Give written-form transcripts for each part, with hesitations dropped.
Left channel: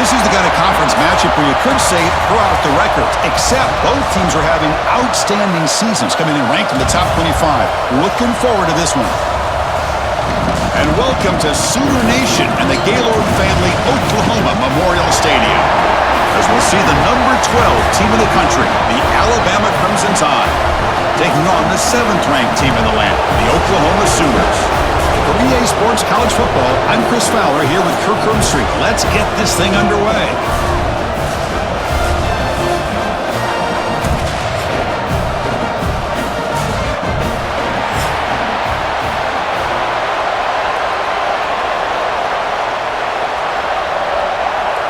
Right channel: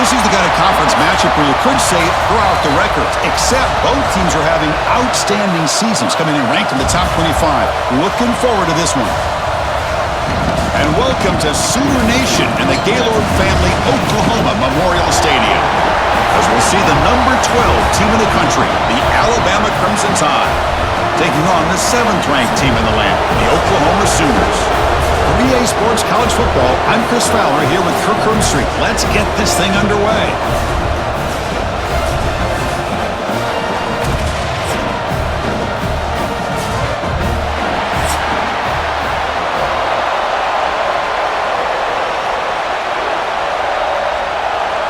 This is the kind of conference matchup where you could say throw out the records, except both teams are having outstanding seasons, coming in ranked in the top 25. Looking forward to this one. And welcome to Sooner Nation and the Gaylord Family Oklahoma Memorial Stadium, as we'll see the number 12 team in the country, the Alabama Crimson Tide, taking on the 7th-ranked team in the land, the Oklahoma Sooners. For EA Sports College Football, I'm Chris Fowler here with Kirk Herbstreit. Let's get this thing underway.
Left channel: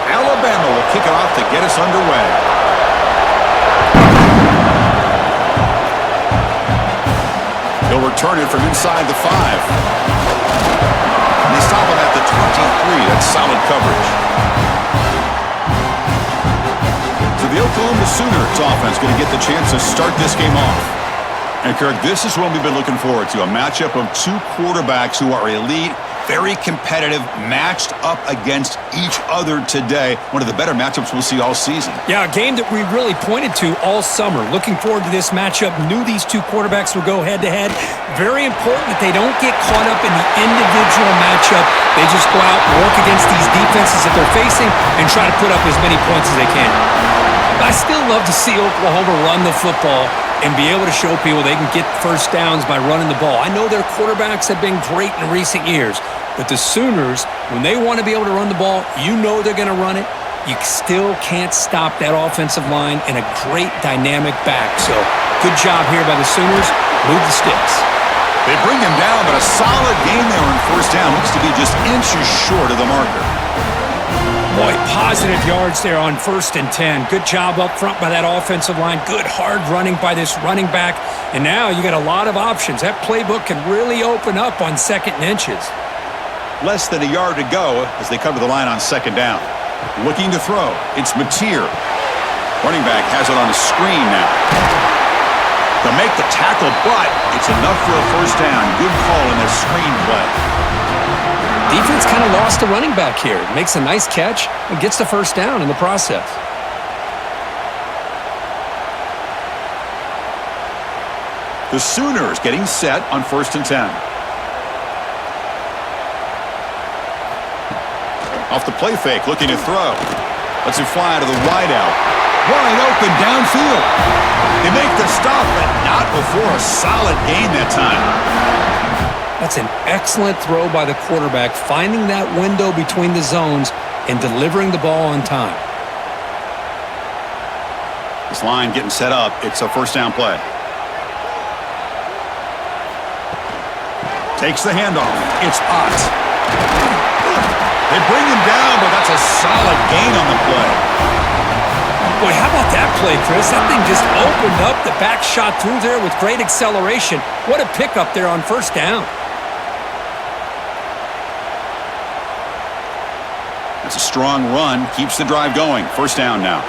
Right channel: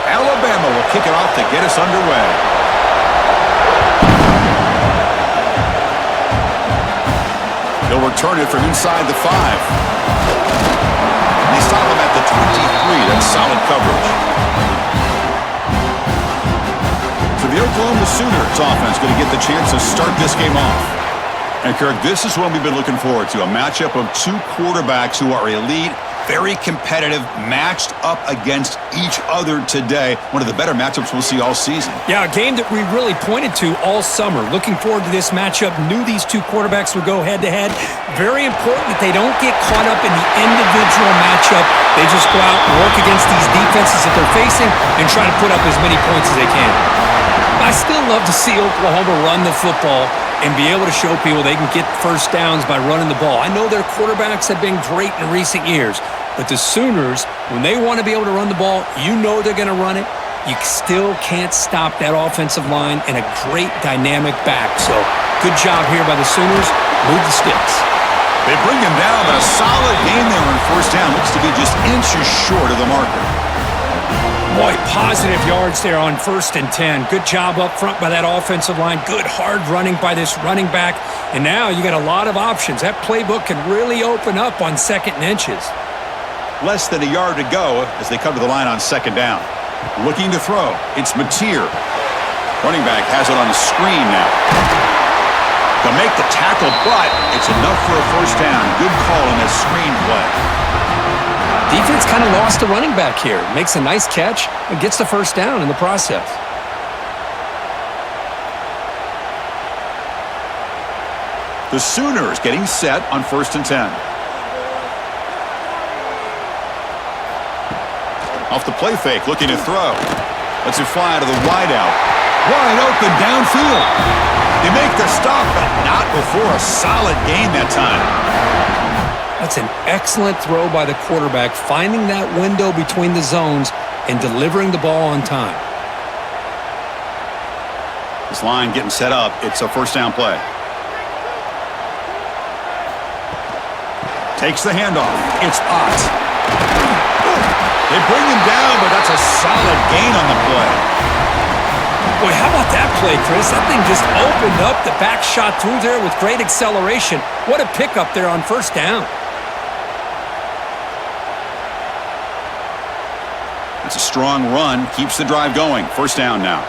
Alabama will kick it off to get us underway. He'll return it from inside the 5. And they stop him at the 23. That's solid coverage. So the Oklahoma Sooners offense going to get the chance to start this game off. And Kirk, this is what we've been looking forward to, a matchup of two quarterbacks who are elite, very competitive, matched up against each other today. One of the better matchups we'll see all season. Yeah, a game that we really pointed to all summer. Looking forward to this matchup. Knew these two quarterbacks would go head-to-head. Very important that they don't get caught up in the individual matchup. They just go out and work against these defenses that they're facing and try to put up as many points as they can. But I still love to see Oklahoma run the football and be able to show people they can get first downs by running the ball. I know their quarterbacks have been great in recent years, but the Sooners, when they want to be able to run the ball, you know they're going to run it. You still can't stop that offensive line and a great dynamic back. So good job here by the Sooners. Move the sticks. They bring him down, but a solid game there on first down. Looks to be just inches short of the marker. Boy, positive yards there on 1st and 10. Good job up front by that offensive line. Good hard running by this running back. And now you got a lot of options. That playbook can really open up on 2nd and inches. Less than a yard to go as they come to the line on 2nd down. Looking to throw. It's Mateer. Running back has it on the screen now. They'll make the tackle, but it's enough for a first down. Good call in that screen play. Defense kind of lost the running back here. Makes a nice catch and gets the first down in the process. The Sooners getting set on 1st and 10. Off the play fake, looking to throw. Lets it fly to the wideout. Wide open downfield. They make the stop, but not before a solid gain that time. That's an excellent throw by the quarterback, finding that window between the zones and delivering the ball on time. This line getting set up. It's a first down play. Takes the handoff. It's Ott. They bring him down, but that's a solid gain on the play. Boy, how about that play, Chris? That thing just opened up. The back shot through there with great acceleration. What a pickup there on first down. That's a strong run. Keeps the drive going. First down now.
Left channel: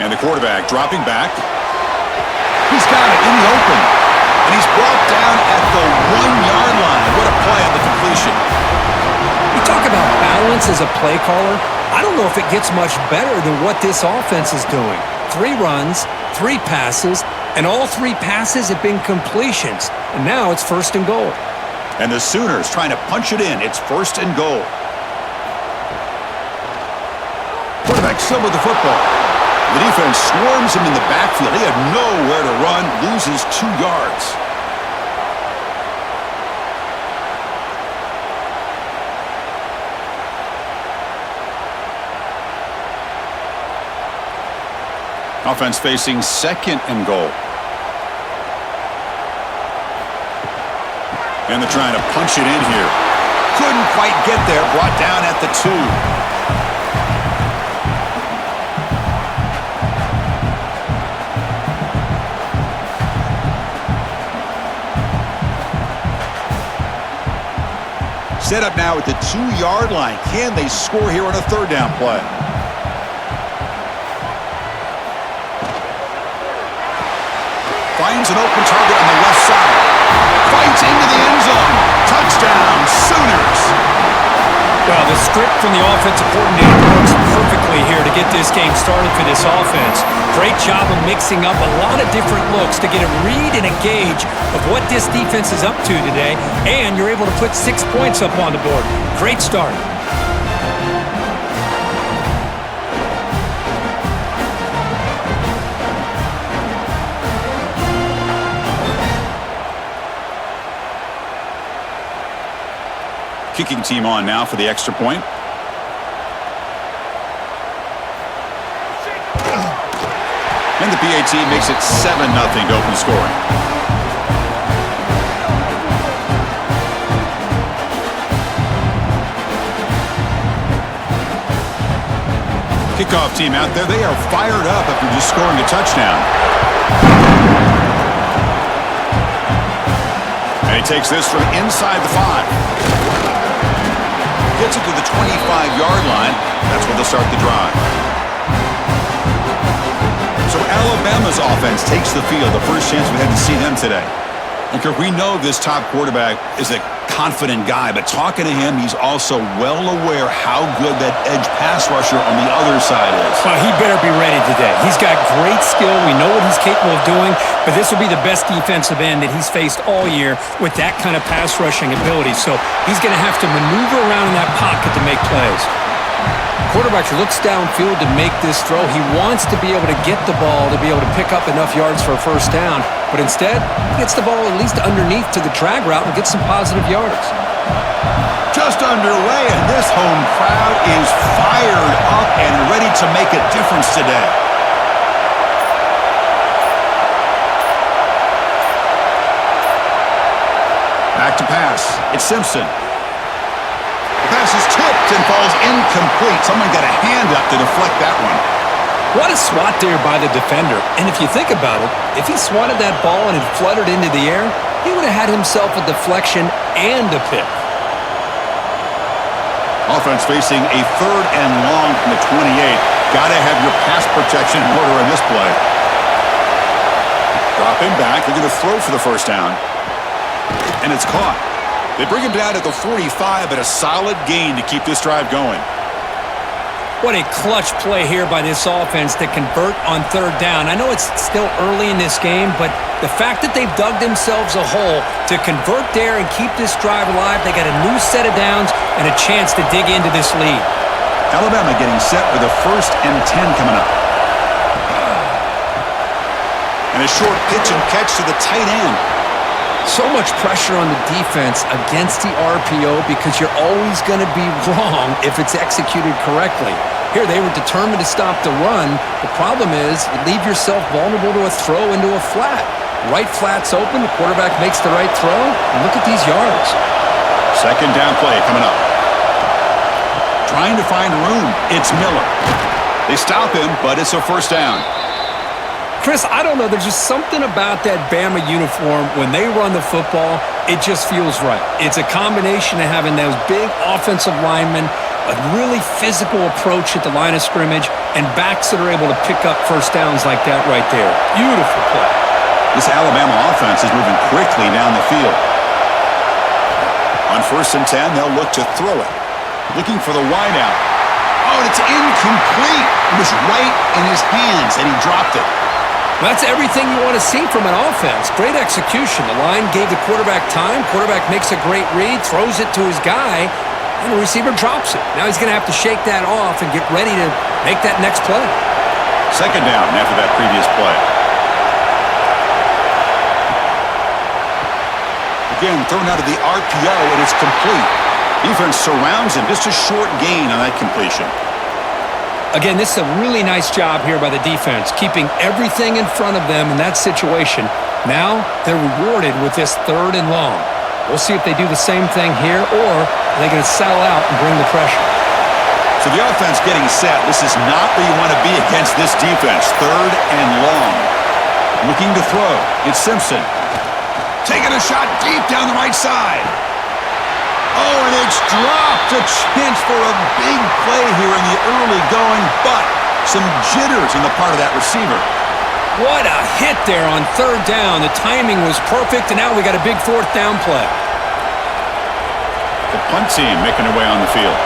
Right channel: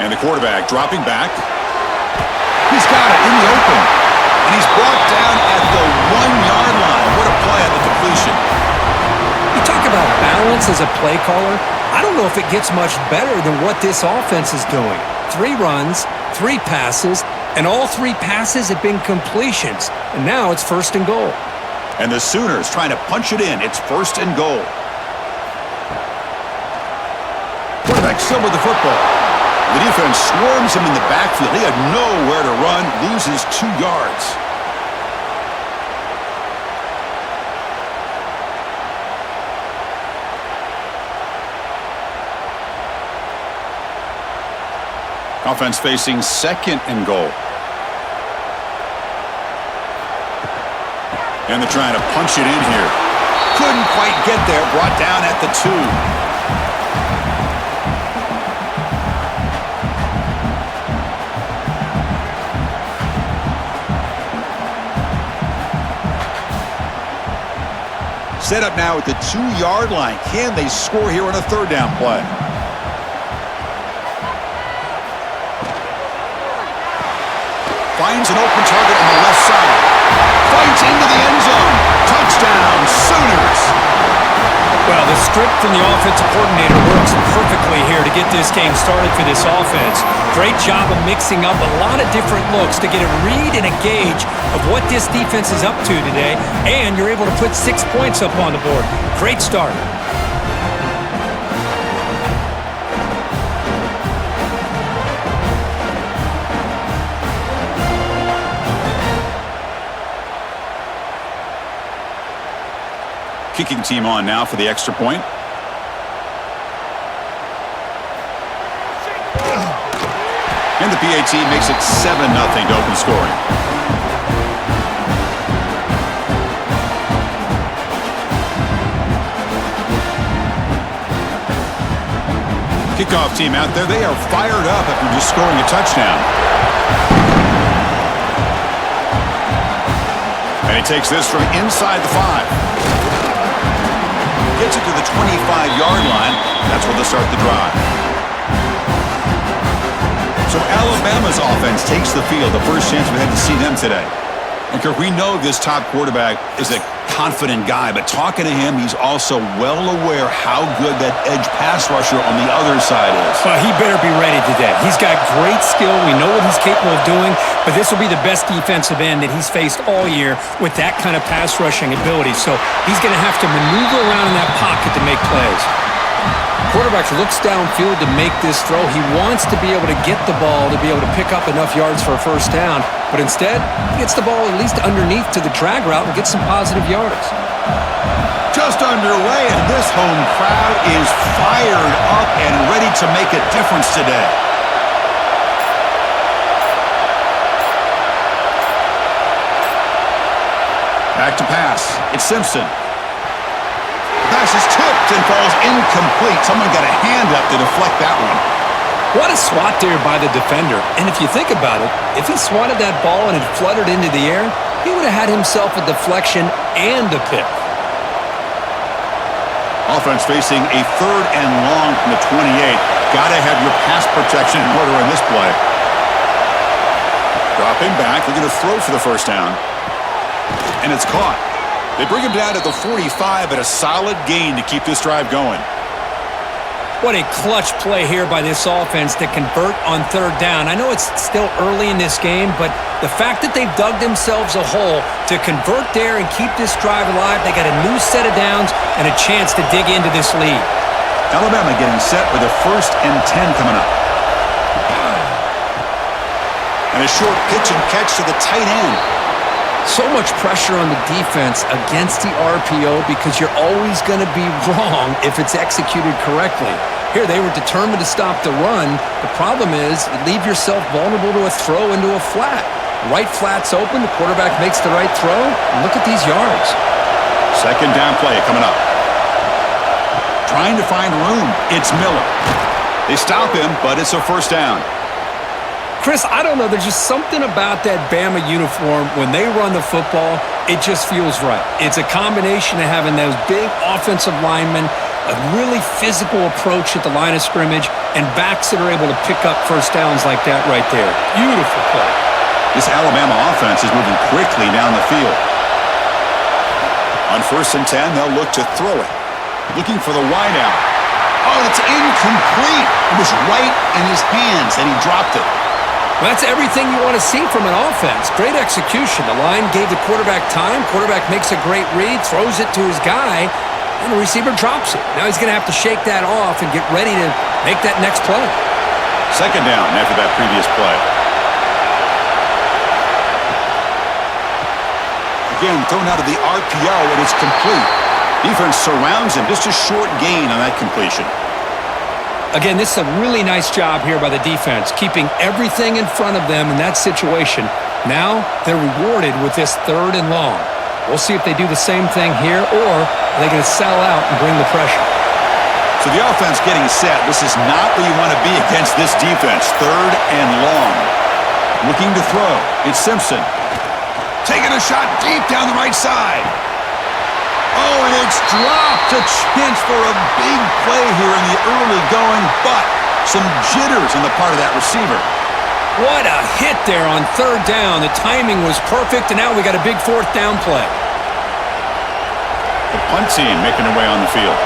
And the quarterback dropping back. He's got it in the open. And he's brought down at the 1-yard line. What a play on the completion. You talk about balance as a play caller. I don't know if it gets much better than what this offense is doing. 3 runs, 3 passes, and all 3 passes have been completions. And now it's 1st and goal. And the Sooners trying to punch it in. It's 1st and goal. Quarterback still with the football. The defense swarms him in the backfield. He had nowhere to run, loses 2 yards. Offense facing 2nd and goal. And they're trying to punch it in here. Couldn't quite get there. Brought down at the 2. Set up now at the 2-yard line. Can they score here on a 3rd down play? Finds an open target on the left side. Fights into the end zone. Touchdown. Well, the script from the offensive coordinator works perfectly here to get this game started for this offense. Great job of mixing up a lot of different looks to get a read and a gauge of what this defense is up to today, and you're able to put 6 points up on the board. Great start. Kicking team on now for the extra point. And the PAT makes it 7-0 to open scoring. Kickoff team out there, they are fired up after just scoring a touchdown. And he takes this from inside the 5. Gets it to the 25-yard line. That's where they'll start the drive. So Alabama's offense takes the field. The first chance we had to see them today. And Kirk, we know this top quarterback is a confident guy, but talking to him, he's also well aware how good that edge pass rusher on the other side is. Well, he better be ready today. He's got great skill. We know what he's capable of doing, but this will be the best defensive end that he's faced all year with that kind of pass rushing ability. So he's going to have to maneuver around in that pocket to make plays. Quarterback looks downfield to make this throw. He wants to be able to get the ball to be able to pick up enough yards for a first down, but instead, he gets the ball at least underneath to the drag route and gets some positive yards. Just underway, and this home crowd is fired up and ready to make a difference today. Back to pass. It's Simpson. The pass is tipped and falls incomplete. Someone got a hand up to deflect that one. What a swat there by the defender. And if you think about it, if he swatted that ball and it fluttered into the air, he would have had himself a deflection and a pick. Offense facing a 3rd and long from the 28. Got to have your pass protection in order in this play. Dropping back, looking to throw for the first down. And it's caught. They bring him down at the 45, but a solid gain to keep this drive going. What a clutch play here by this offense to convert on 3rd down. I know it's still early in this game, but the fact that they've dug themselves a hole to convert there and keep this drive alive, they got a new set of downs and a chance to dig into this lead. Alabama getting set with a 1st and 10 coming up. And a short pitch and catch to the tight end. So much pressure on the defense against the RPO because you're always going to be wrong if it's executed correctly. Here, they were determined to stop the run. The problem is you leave yourself vulnerable to a throw into a flat. Right flat's open, the quarterback makes the right throw, and look at these yards. 2nd down play coming up. Trying to find room. It's Miller. They stop him, but it's a first down. Chris, I don't know. There's just something about that Bama uniform. When they run the football, it just feels right. It's a combination of having those big offensive linemen, a really physical approach at the line of scrimmage, and backs that are able to pick up first downs like that right there. Beautiful play. This Alabama offense is moving quickly down the field. On 1st and 10, they'll look to throw it. Looking for the wideout. Oh, and it's incomplete. It was right in his hands, and he dropped it. Well, that's everything you want to see from an offense. Great execution. The line gave the quarterback time. Quarterback makes a great read, throws it to his guy, and the receiver drops it. Now he's going to have to shake that off and get ready to make that next play. 2nd down after that previous play. Again, thrown out of the RPO, and it's complete. Defense surrounds him. Just a short gain on that completion. Again, this is a really nice job here by the defense, keeping everything in front of them in that situation. Now they're rewarded with this 3rd and long. We'll see if they do the same thing here, or are they going to settle out and bring the pressure? So the offense getting set. This is not where you want to be against this defense. 3rd and long. Looking to throw. It's Simpson. Taking a shot deep down the right side. Oh, and it's dropped. A chance for a big play here in the early going, but some jitters on the part of that receiver. What a hit there on 3rd down. The timing was perfect, and now we got a big 4th down play. The punt team making their way on the field.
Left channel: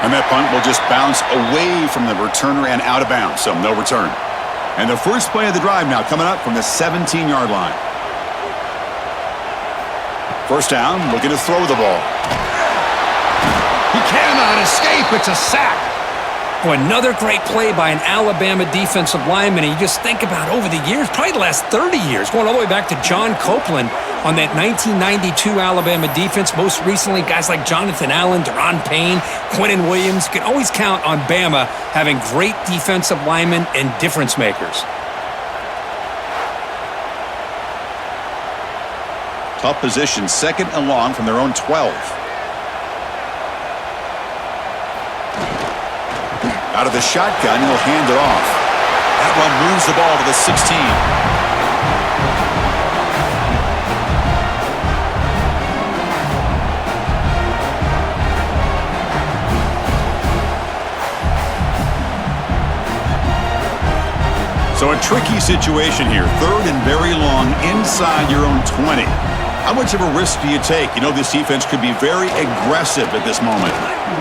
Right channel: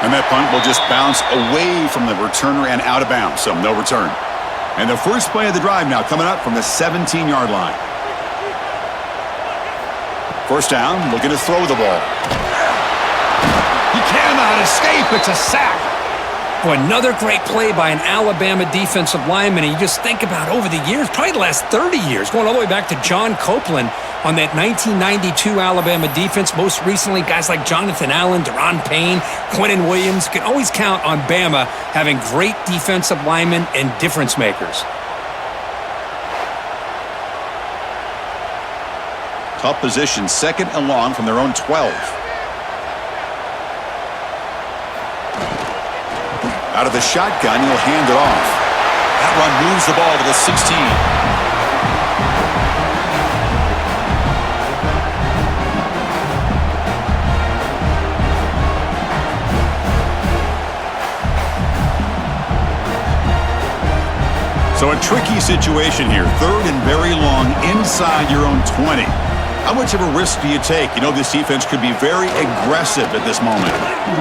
And that punt will just bounce away from the returner and out of bounds, so no return. And the first play of the drive now coming up from the 17-yard line. First down, looking to throw the ball. He cannot escape. It's a sack. Oh, another great play by an Alabama defensive lineman. And you just think about over the years, probably the last 30 years, going all the way back to John Copeland on that 1992 Alabama defense. Most recently, guys like Jonathan Allen, Deron Payne, Quinnen Williams. You can always count on Bama having great defensive linemen and difference makers. Tough position, second and long from their own 12. Out of the shotgun, he'll hand it off. That run moves the ball to the 16. So a tricky situation here. Third and very long inside your own 20. How much of a risk do you take? You know this defense could be very aggressive at this moment.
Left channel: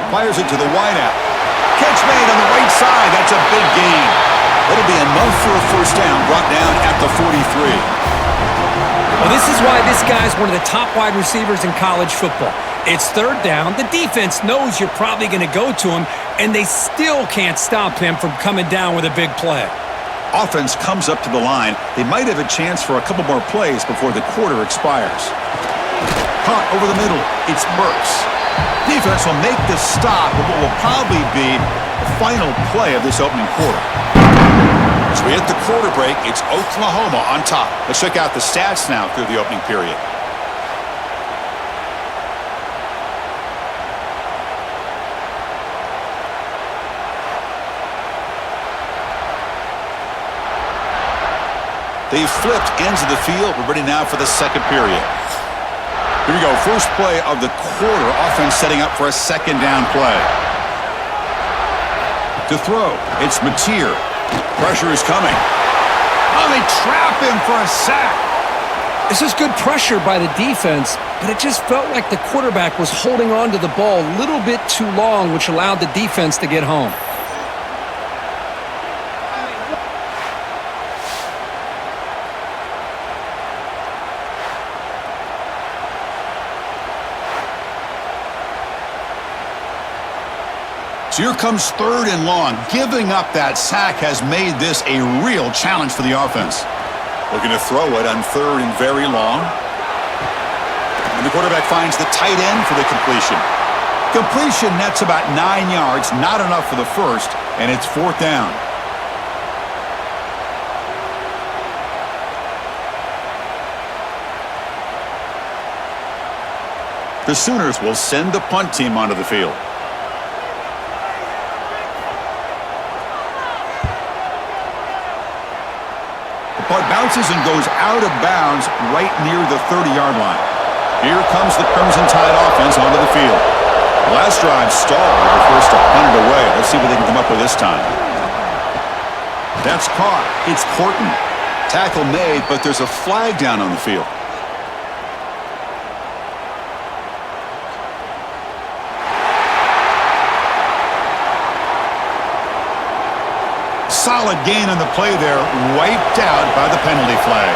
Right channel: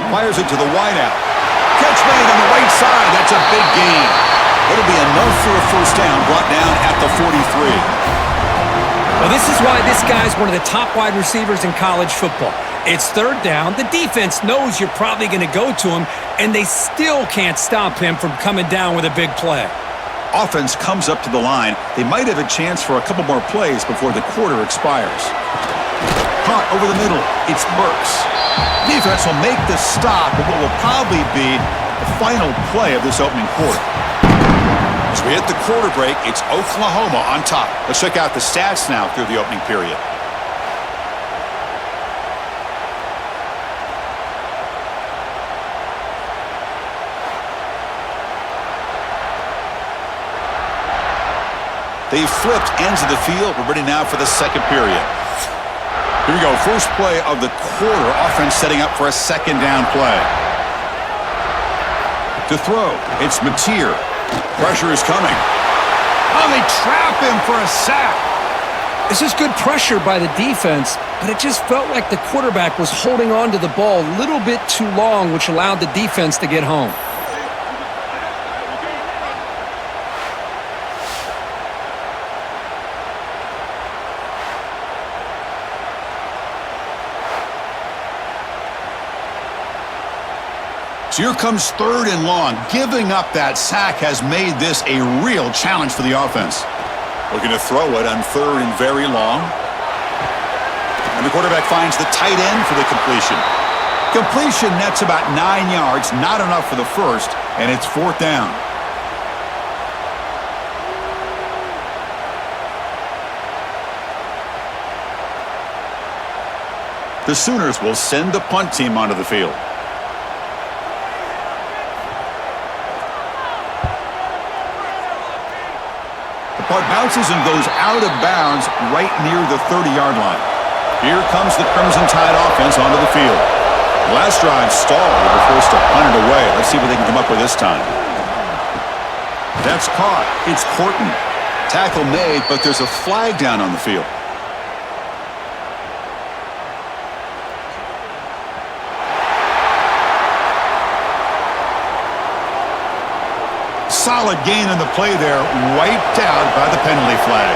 Fires it to the wideout. Catch made on the right side. That's a big gain. It'll be enough for a first down, brought down at the 43. Well, this is why this guy's one of the top wide receivers in college football. It's third down. The defense knows you're probably going to go to him, and they still can't stop him from coming down with a big play. Offense comes up to the line. They might have a chance for a couple more plays before the quarter expires. Caught over the middle. It's Burks. Defense will make the stop of what will probably be the final play of this opening quarter. As we hit the quarter break, it's Oklahoma on top. Let's check out the stats now through the opening period. They've flipped ends of the field. We're ready now for the second period. Here we go. First play of the quarter. Offense setting up for a second down play. To throw, it's Mateer. Pressure is coming. Oh, they trap him for a sack. This is good pressure by the defense, but it just felt like the quarterback was holding on to the ball a little bit too long, which allowed the defense to get home. So here comes third and long. Giving up that sack has made this a real challenge for the offense. Looking to throw it on third and very long. And the quarterback finds the tight end for the completion. Completion nets about 9 yards, not enough for the first, and it's fourth down. The Sooners will send the punt team onto the field. Punt bounces and goes out of bounds right near the 30-yard line. Here comes the Crimson Tide offense onto the field. Last drive stalled. They were forced to punt it away. Let's see what they can come up with this time. That's caught. It's Horton. Tackle made, but there's a flag down on the field. Solid gain on the play there, wiped out by the penalty flag.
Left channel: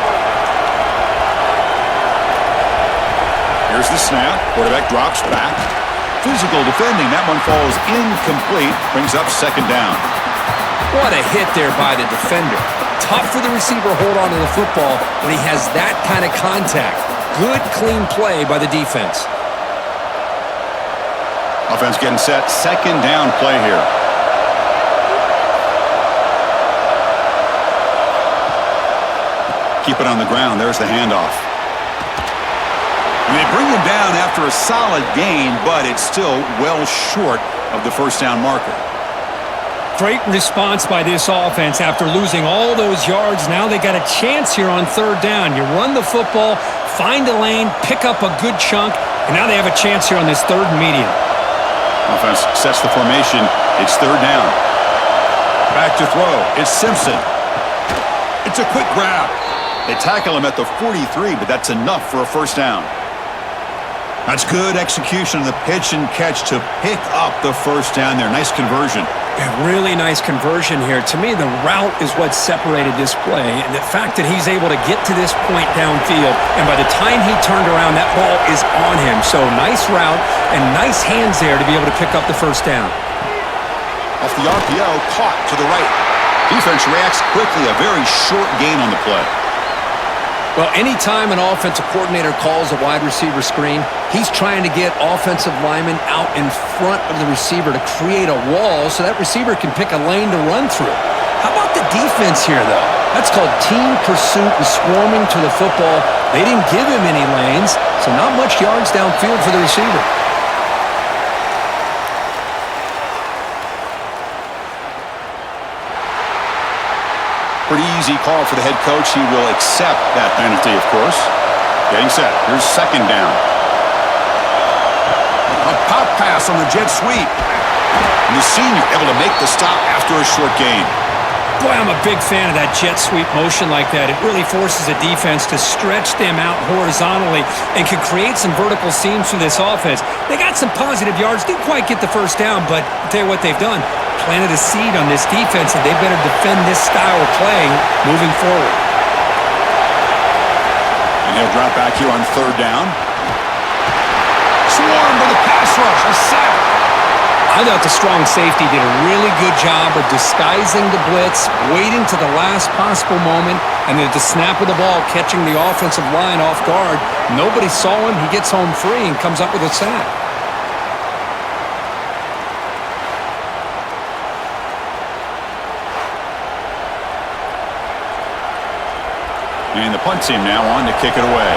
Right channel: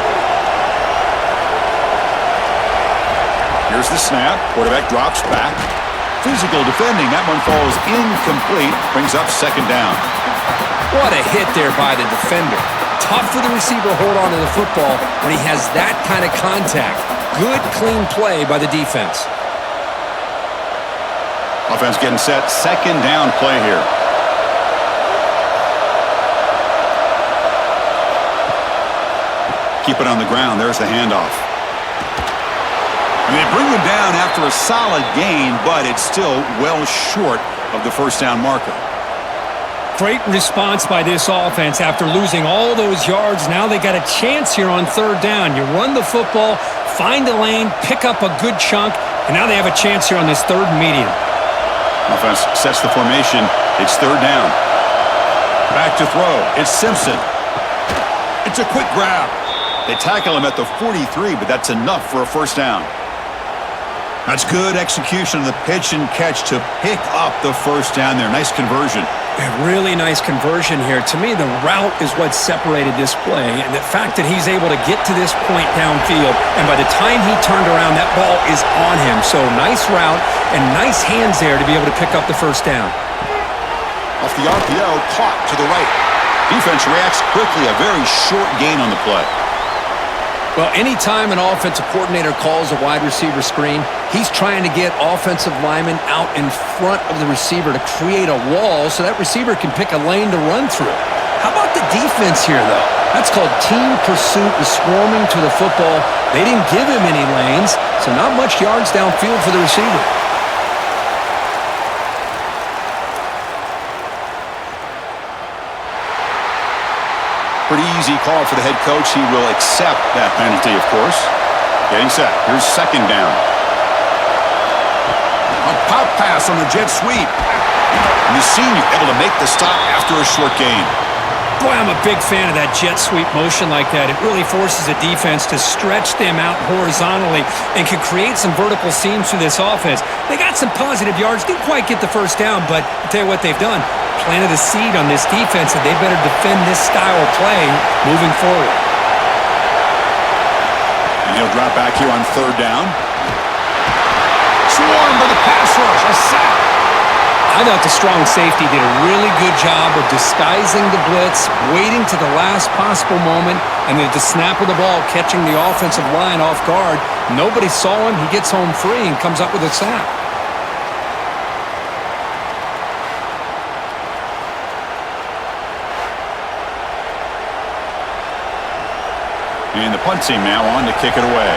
Here's the snap. Quarterback drops back. Physical defending. That one falls incomplete. Brings up second down. What a hit there by the defender. Tough for the receiver to hold on to the football when he has that kind of contact. Good, clean play by the defense. Offense getting set. Second down play here. Keep it on the ground. There's the handoff. And they bring him down after a solid gain, but it's still well short of the first down marker. Great response by this offense after losing all those yards. Now they got a chance here on third down. You run the football, find a lane, pick up a good chunk, and now they have a chance here on this third and medium. Offense sets the formation. It's third down. Back to throw. It's Simpson. It's a quick grab. They tackle him at the 43, but that's enough for a first down. That's good execution of the pitch and catch to pick up the first down there. Nice conversion. A really nice conversion here. To me, the route is what separated this play, and the fact that he's able to get to this point downfield, and by the time he turned around, that ball is on him. So nice route and nice hands there to be able to pick up the first down. Off the RPO, caught to the right. Defense reacts quickly, a very short gain on the play. Well, anytime an offensive coordinator calls a wide receiver screen, he's trying to get offensive linemen out in front of the receiver to create a wall so that receiver can pick a lane to run through. How about the defense here, though? That's called team pursuit and swarming to the football. They didn't give him any lanes, so not much yards downfield for the receiver. Pretty easy call for the head coach. He will accept that penalty, of course. Getting set. Here's second down. A pop pass on the jet sweep. And the senior able to make the stop after a short gain. Boy, I'm a big fan of that jet sweep motion like that. It really forces a defense to stretch them out horizontally and can create some vertical seams for this offense. They got some positive yards, didn't quite get the first down, but I'll tell you what they've done. Planted a seed on this defense, and they better defend this style of play moving forward. And he'll drop back here on third down. Swarm by the pass rush, a sack. I thought the strong safety did a really good job of disguising the blitz, waiting to the last possible moment, and then at the snap of the ball, catching the offensive line off guard. Nobody saw him. He gets home free and comes up with a sack. And the punt team now on to kick it away.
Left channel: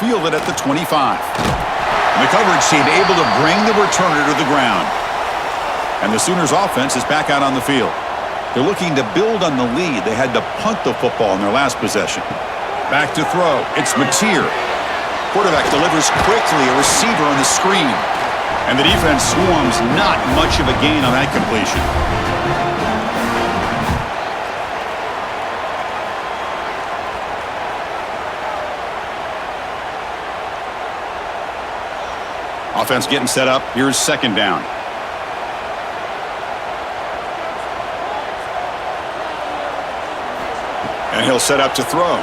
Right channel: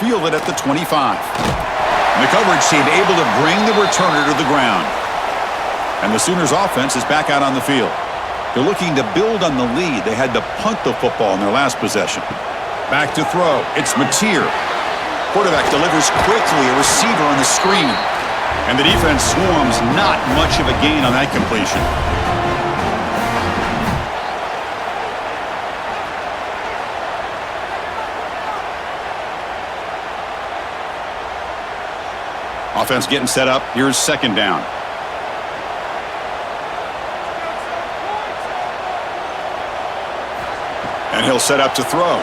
Fielded at the 25. And the coverage team able to bring the returner to the ground. And the Sooners offense is back out on the field. They're looking to build on the lead. They had to punt the football in their last possession. Back to throw. It's Mateer. Quarterback delivers quickly, a receiver on the screen. And the defense swarms, not much of a gain on that completion. Offense getting set up. Here's second down. And he'll set up to throw.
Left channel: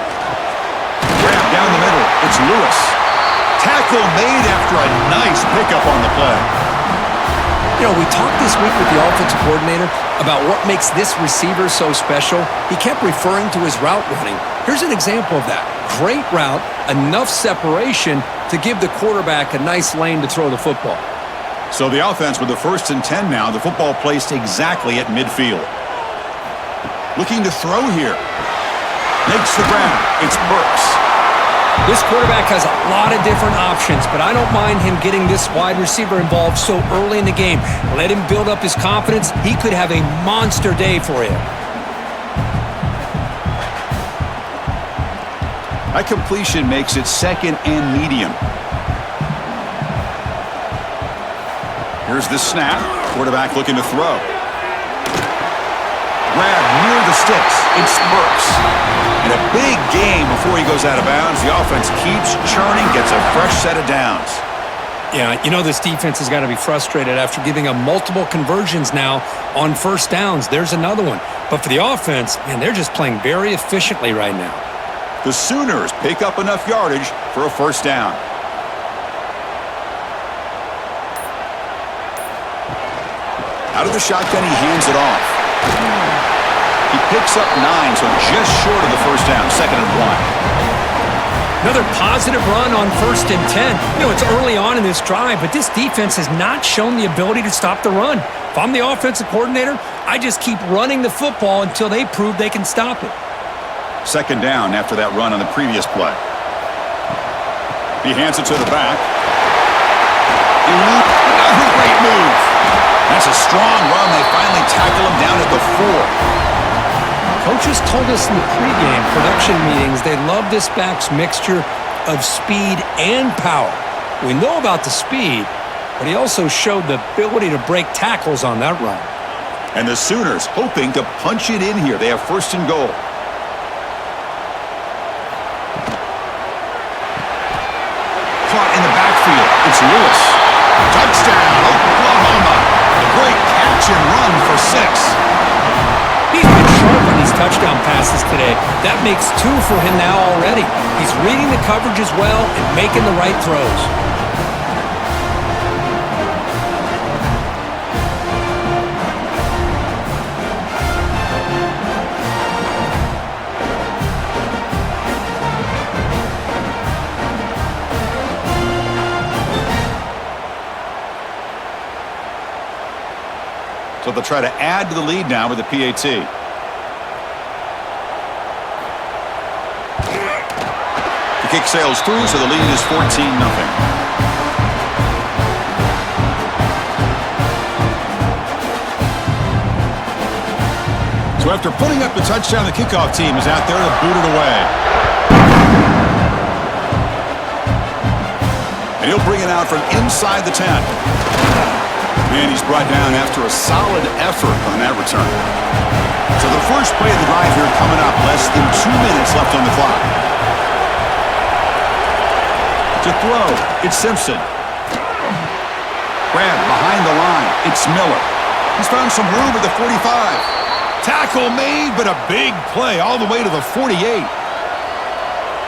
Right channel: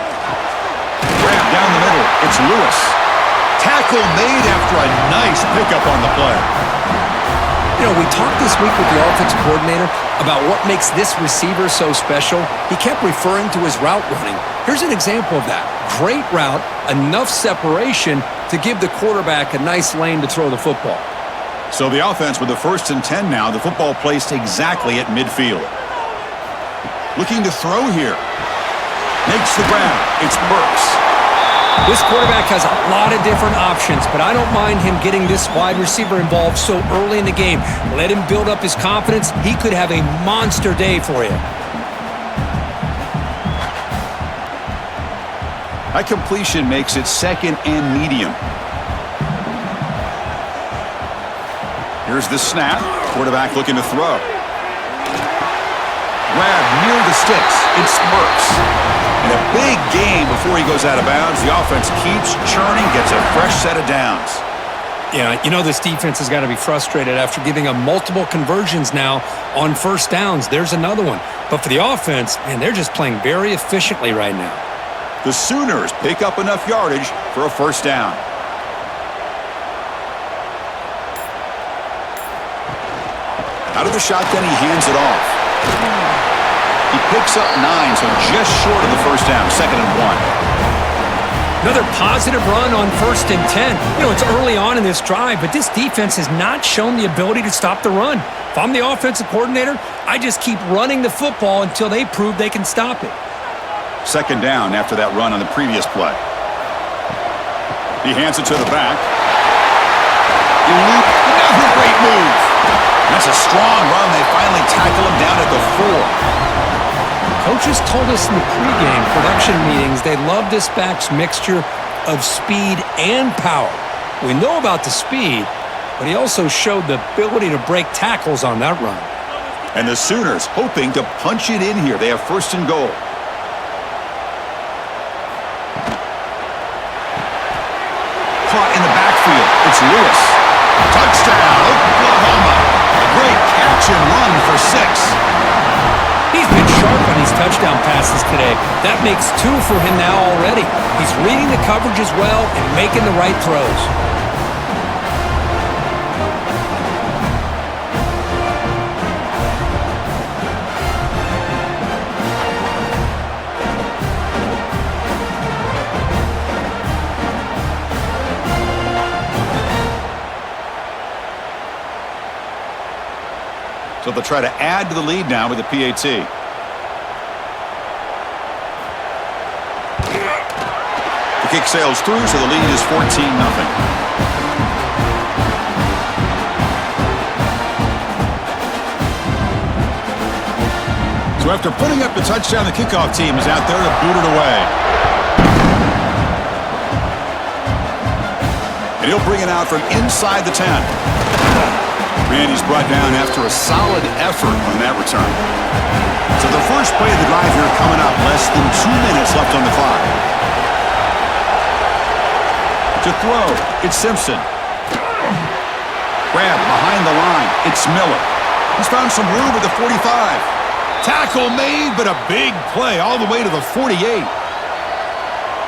Grab down the middle. It's Lewis. Tackle made after a nice pickup on the play. You know, we talked this week with the offensive coordinator about what makes this receiver so special. He kept referring to his route running. Here's an example of that. Great route, enough separation to give the quarterback a nice lane to throw the football. So the offense with the 1st and 10 now, the football placed exactly at midfield. Looking to throw here. Makes the grab. It's Burks. This quarterback has a lot of different options, but I don't mind him getting this wide receiver involved so early in the game. Let him build up his confidence. He could have a monster day for him. That completion makes it second and medium. Here's the snap. Quarterback looking to throw. Grab near the sticks. It's Burks. And a big gain before he goes out of bounds. The offense keeps churning, gets a fresh set of downs. Yeah, you know this defense has got to be frustrated after giving up multiple conversions now on first downs. There's another one. But for the offense, man, they're just playing very efficiently right now. The Sooners pick up enough yardage for a first down. Out of the shotgun, he hands it off. He picks up 9, so just short of the first down, 2nd and 1. Another positive run on 1st and 10. You know, it's early on in this drive, but this defense has not shown the ability to stop the run. If I'm the offensive coordinator, I just keep running the football until they prove they can stop it. 2nd down after that run on the previous play. He hands it to the back. Another great move. That's a strong run. They finally tackle him down at the 4. Coaches told us in the pregame production meetings they love this back's mixture of speed and power. We know about the speed, but he also showed the ability to break tackles on that run. And the Sooners hoping to punch it in here. They have first and goal. Caught in the backfield. It's Lewis. Touchdown, Oklahoma. A great catch and run for 6. He's been sharp on these touchdown passes today. That makes 2 for him now already. He's reading the coverage as well and making the right throws. So they'll try to add to the lead now with the PAT. The kick sails through, so the lead is 14-0. So after putting up the touchdown, the kickoff team is out there to boot it away. And he'll bring it out from inside the 10. And he's brought down after a solid effort on that return. So the first play of the drive here coming up, less than 2 minutes left on the clock. To throw, it's Simpson. Grab behind the line, it's Miller. He's found some room at the 45. Tackle made, but a big play all the way to the 48.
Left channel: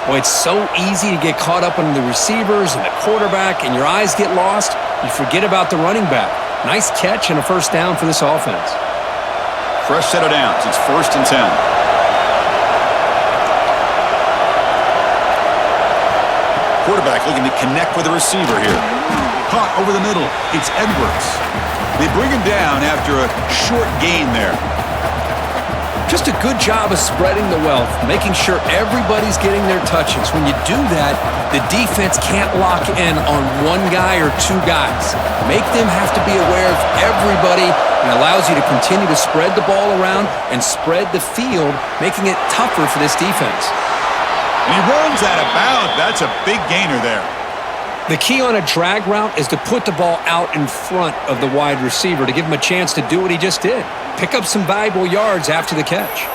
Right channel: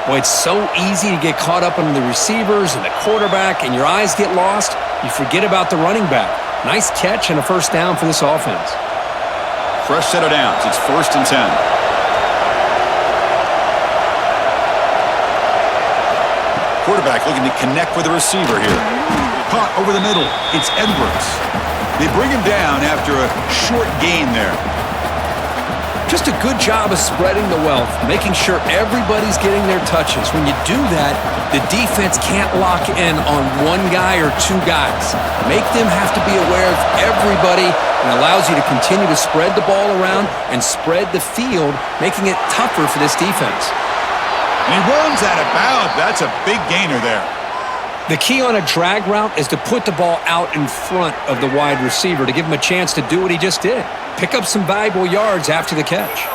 Boy, it's so easy to get caught up on the receivers and the quarterback, and your eyes get lost. You forget about the running back. Nice catch and a first down for this offense. Fresh set of downs. It's first and 10. Quarterback looking to connect with the receiver here. Caught over the middle. It's Edwards. They bring him down after a short gain there. Just a good job of spreading the wealth, making sure everybody's getting their touches. When you do that, the defense can't lock in on one guy or 2 guys. Make them have to be aware of everybody, and allows you to continue to spread the ball around and spread the field, making it tougher for this defense. And he runs out of bounds. That's a big gainer there. The key on a drag route is to put the ball out in front of the wide receiver to give him a chance to do what he just did. Pick up some valuable yards after the catch.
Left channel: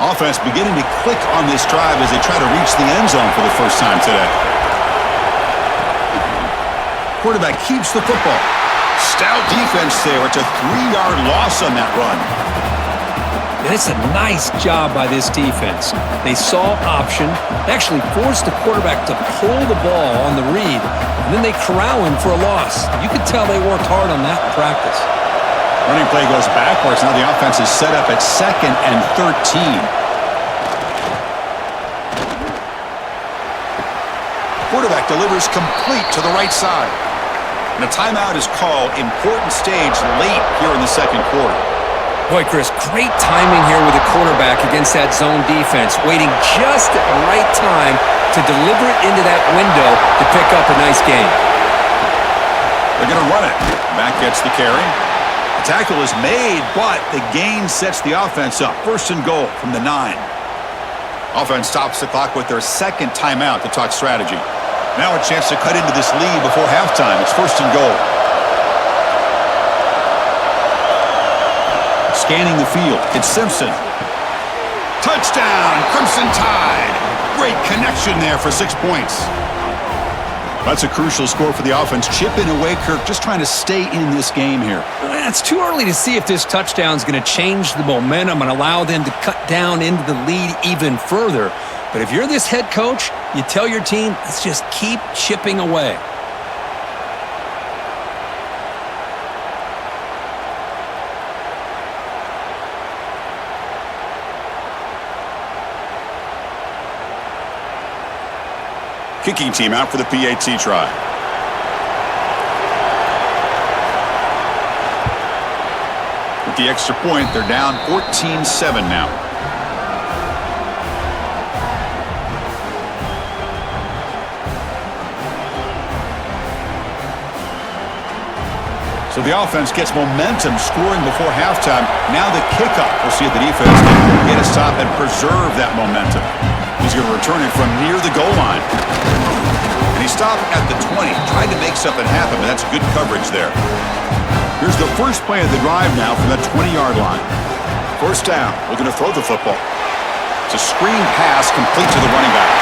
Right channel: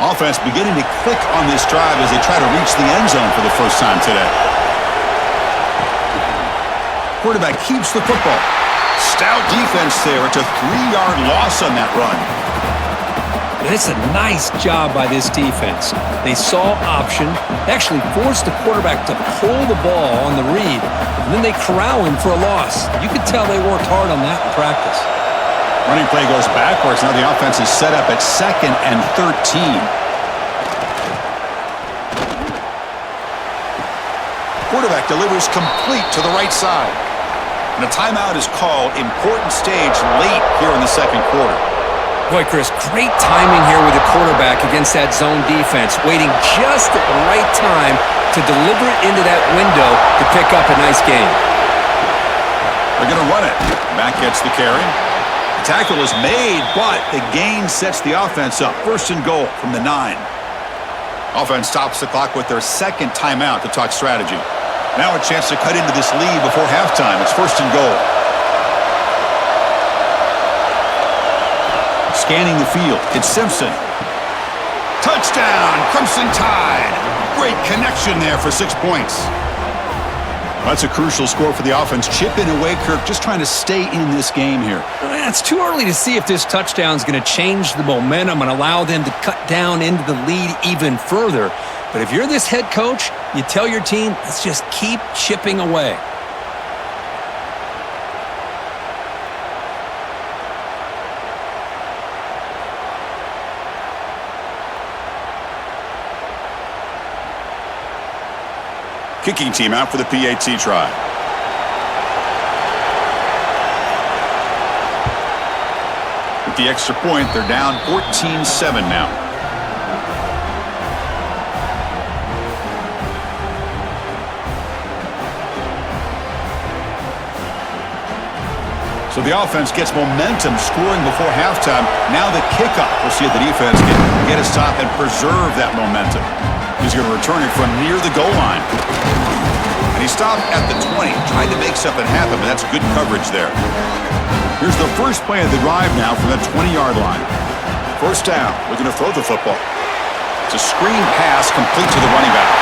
Offense beginning to click on this drive as they try to reach the end zone for the first time today. Quarterback keeps the football. Stout defense there. It's a 3-yard loss on that run. And it's a nice job by this defense. They saw option. They actually forced the quarterback to pull the ball on the read, and then they corral him for a loss. You could tell they worked hard on that in practice. Running play goes backwards. Now the offense is set up at 2nd and 13. Quarterback delivers complete to the right side. And a timeout is called. Important stage late here in the second quarter. Boy, Chris, great timing here with the quarterback against that zone defense, waiting just at the right time to deliver it into that window to pick up a nice gain. They're going to run it. Mack gets the carry. The tackle is made, but the gain sets the offense up. First and goal from the 9. Offense stops the clock with their second timeout to talk strategy. Now a chance to cut into this lead before halftime. It's first and goal. Scanning the field, it's Simpson. Touchdown, Crimson Tide. Great connection there for 6 points. That's a crucial score for the offense. Chipping away, Kirk, just trying to stay in this game here. It's too early to see if this touchdown is going to change the momentum and allow them to cut down into the lead even further. But if you're this head coach, you tell your team, let's just keep chipping away. Kicking team out for the PAT try. With the extra point, they're down 14-7 now. So the offense gets momentum scoring before halftime. Now the kickoff. We'll see if the defense can get a stop and preserve that momentum. He's going to return it from near the goal line. And he stopped at the 20. Tried to make something happen, but that's good coverage there. Here's the first play of the drive now from the 20-yard line. First down. Looking to throw the football. It's a screen pass complete to the running back.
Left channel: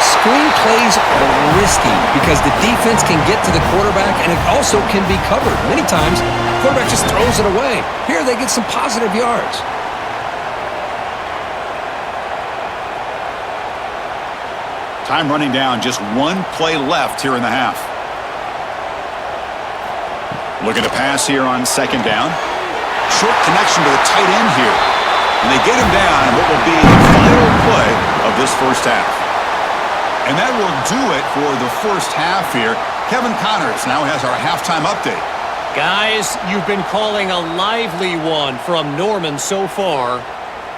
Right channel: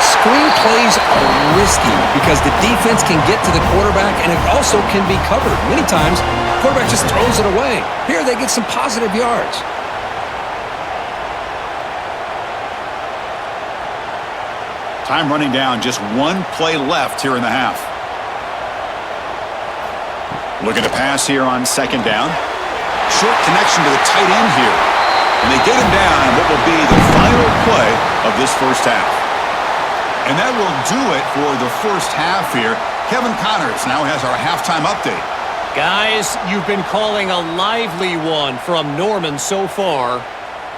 Screen plays are risky because the defense can get to the quarterback and it also can be covered. Many times, the quarterback just throws it away. Here, they get some positive yards. Time running down, just one play left here in the half. Looking to pass here on second down. Short connection to the tight end here. And they get him down on what will be the final play of this first half. And that will do it for the first half here. Kevin Connors now has our halftime update. Guys, you've been calling a lively one from Norman so far.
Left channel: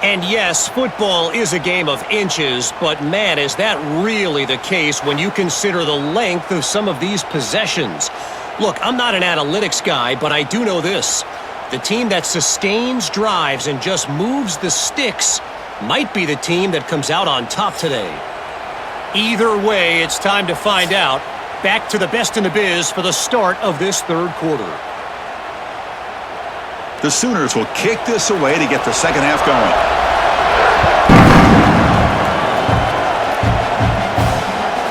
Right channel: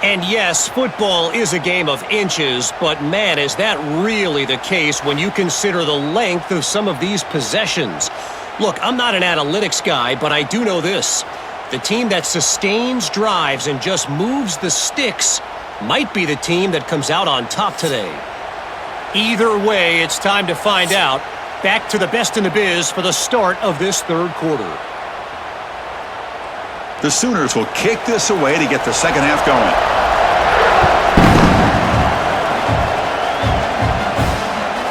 And yes, football is a game of inches, but man, is that really the case when you consider the length of some of these possessions. Look, I'm not an analytics guy, but I do know this. The team that sustains drives and just moves the sticks might be the team that comes out on top today. Either way, it's time to find out. Back to the best in the biz for the start of this third quarter. The Sooners will kick this away to get the second half going.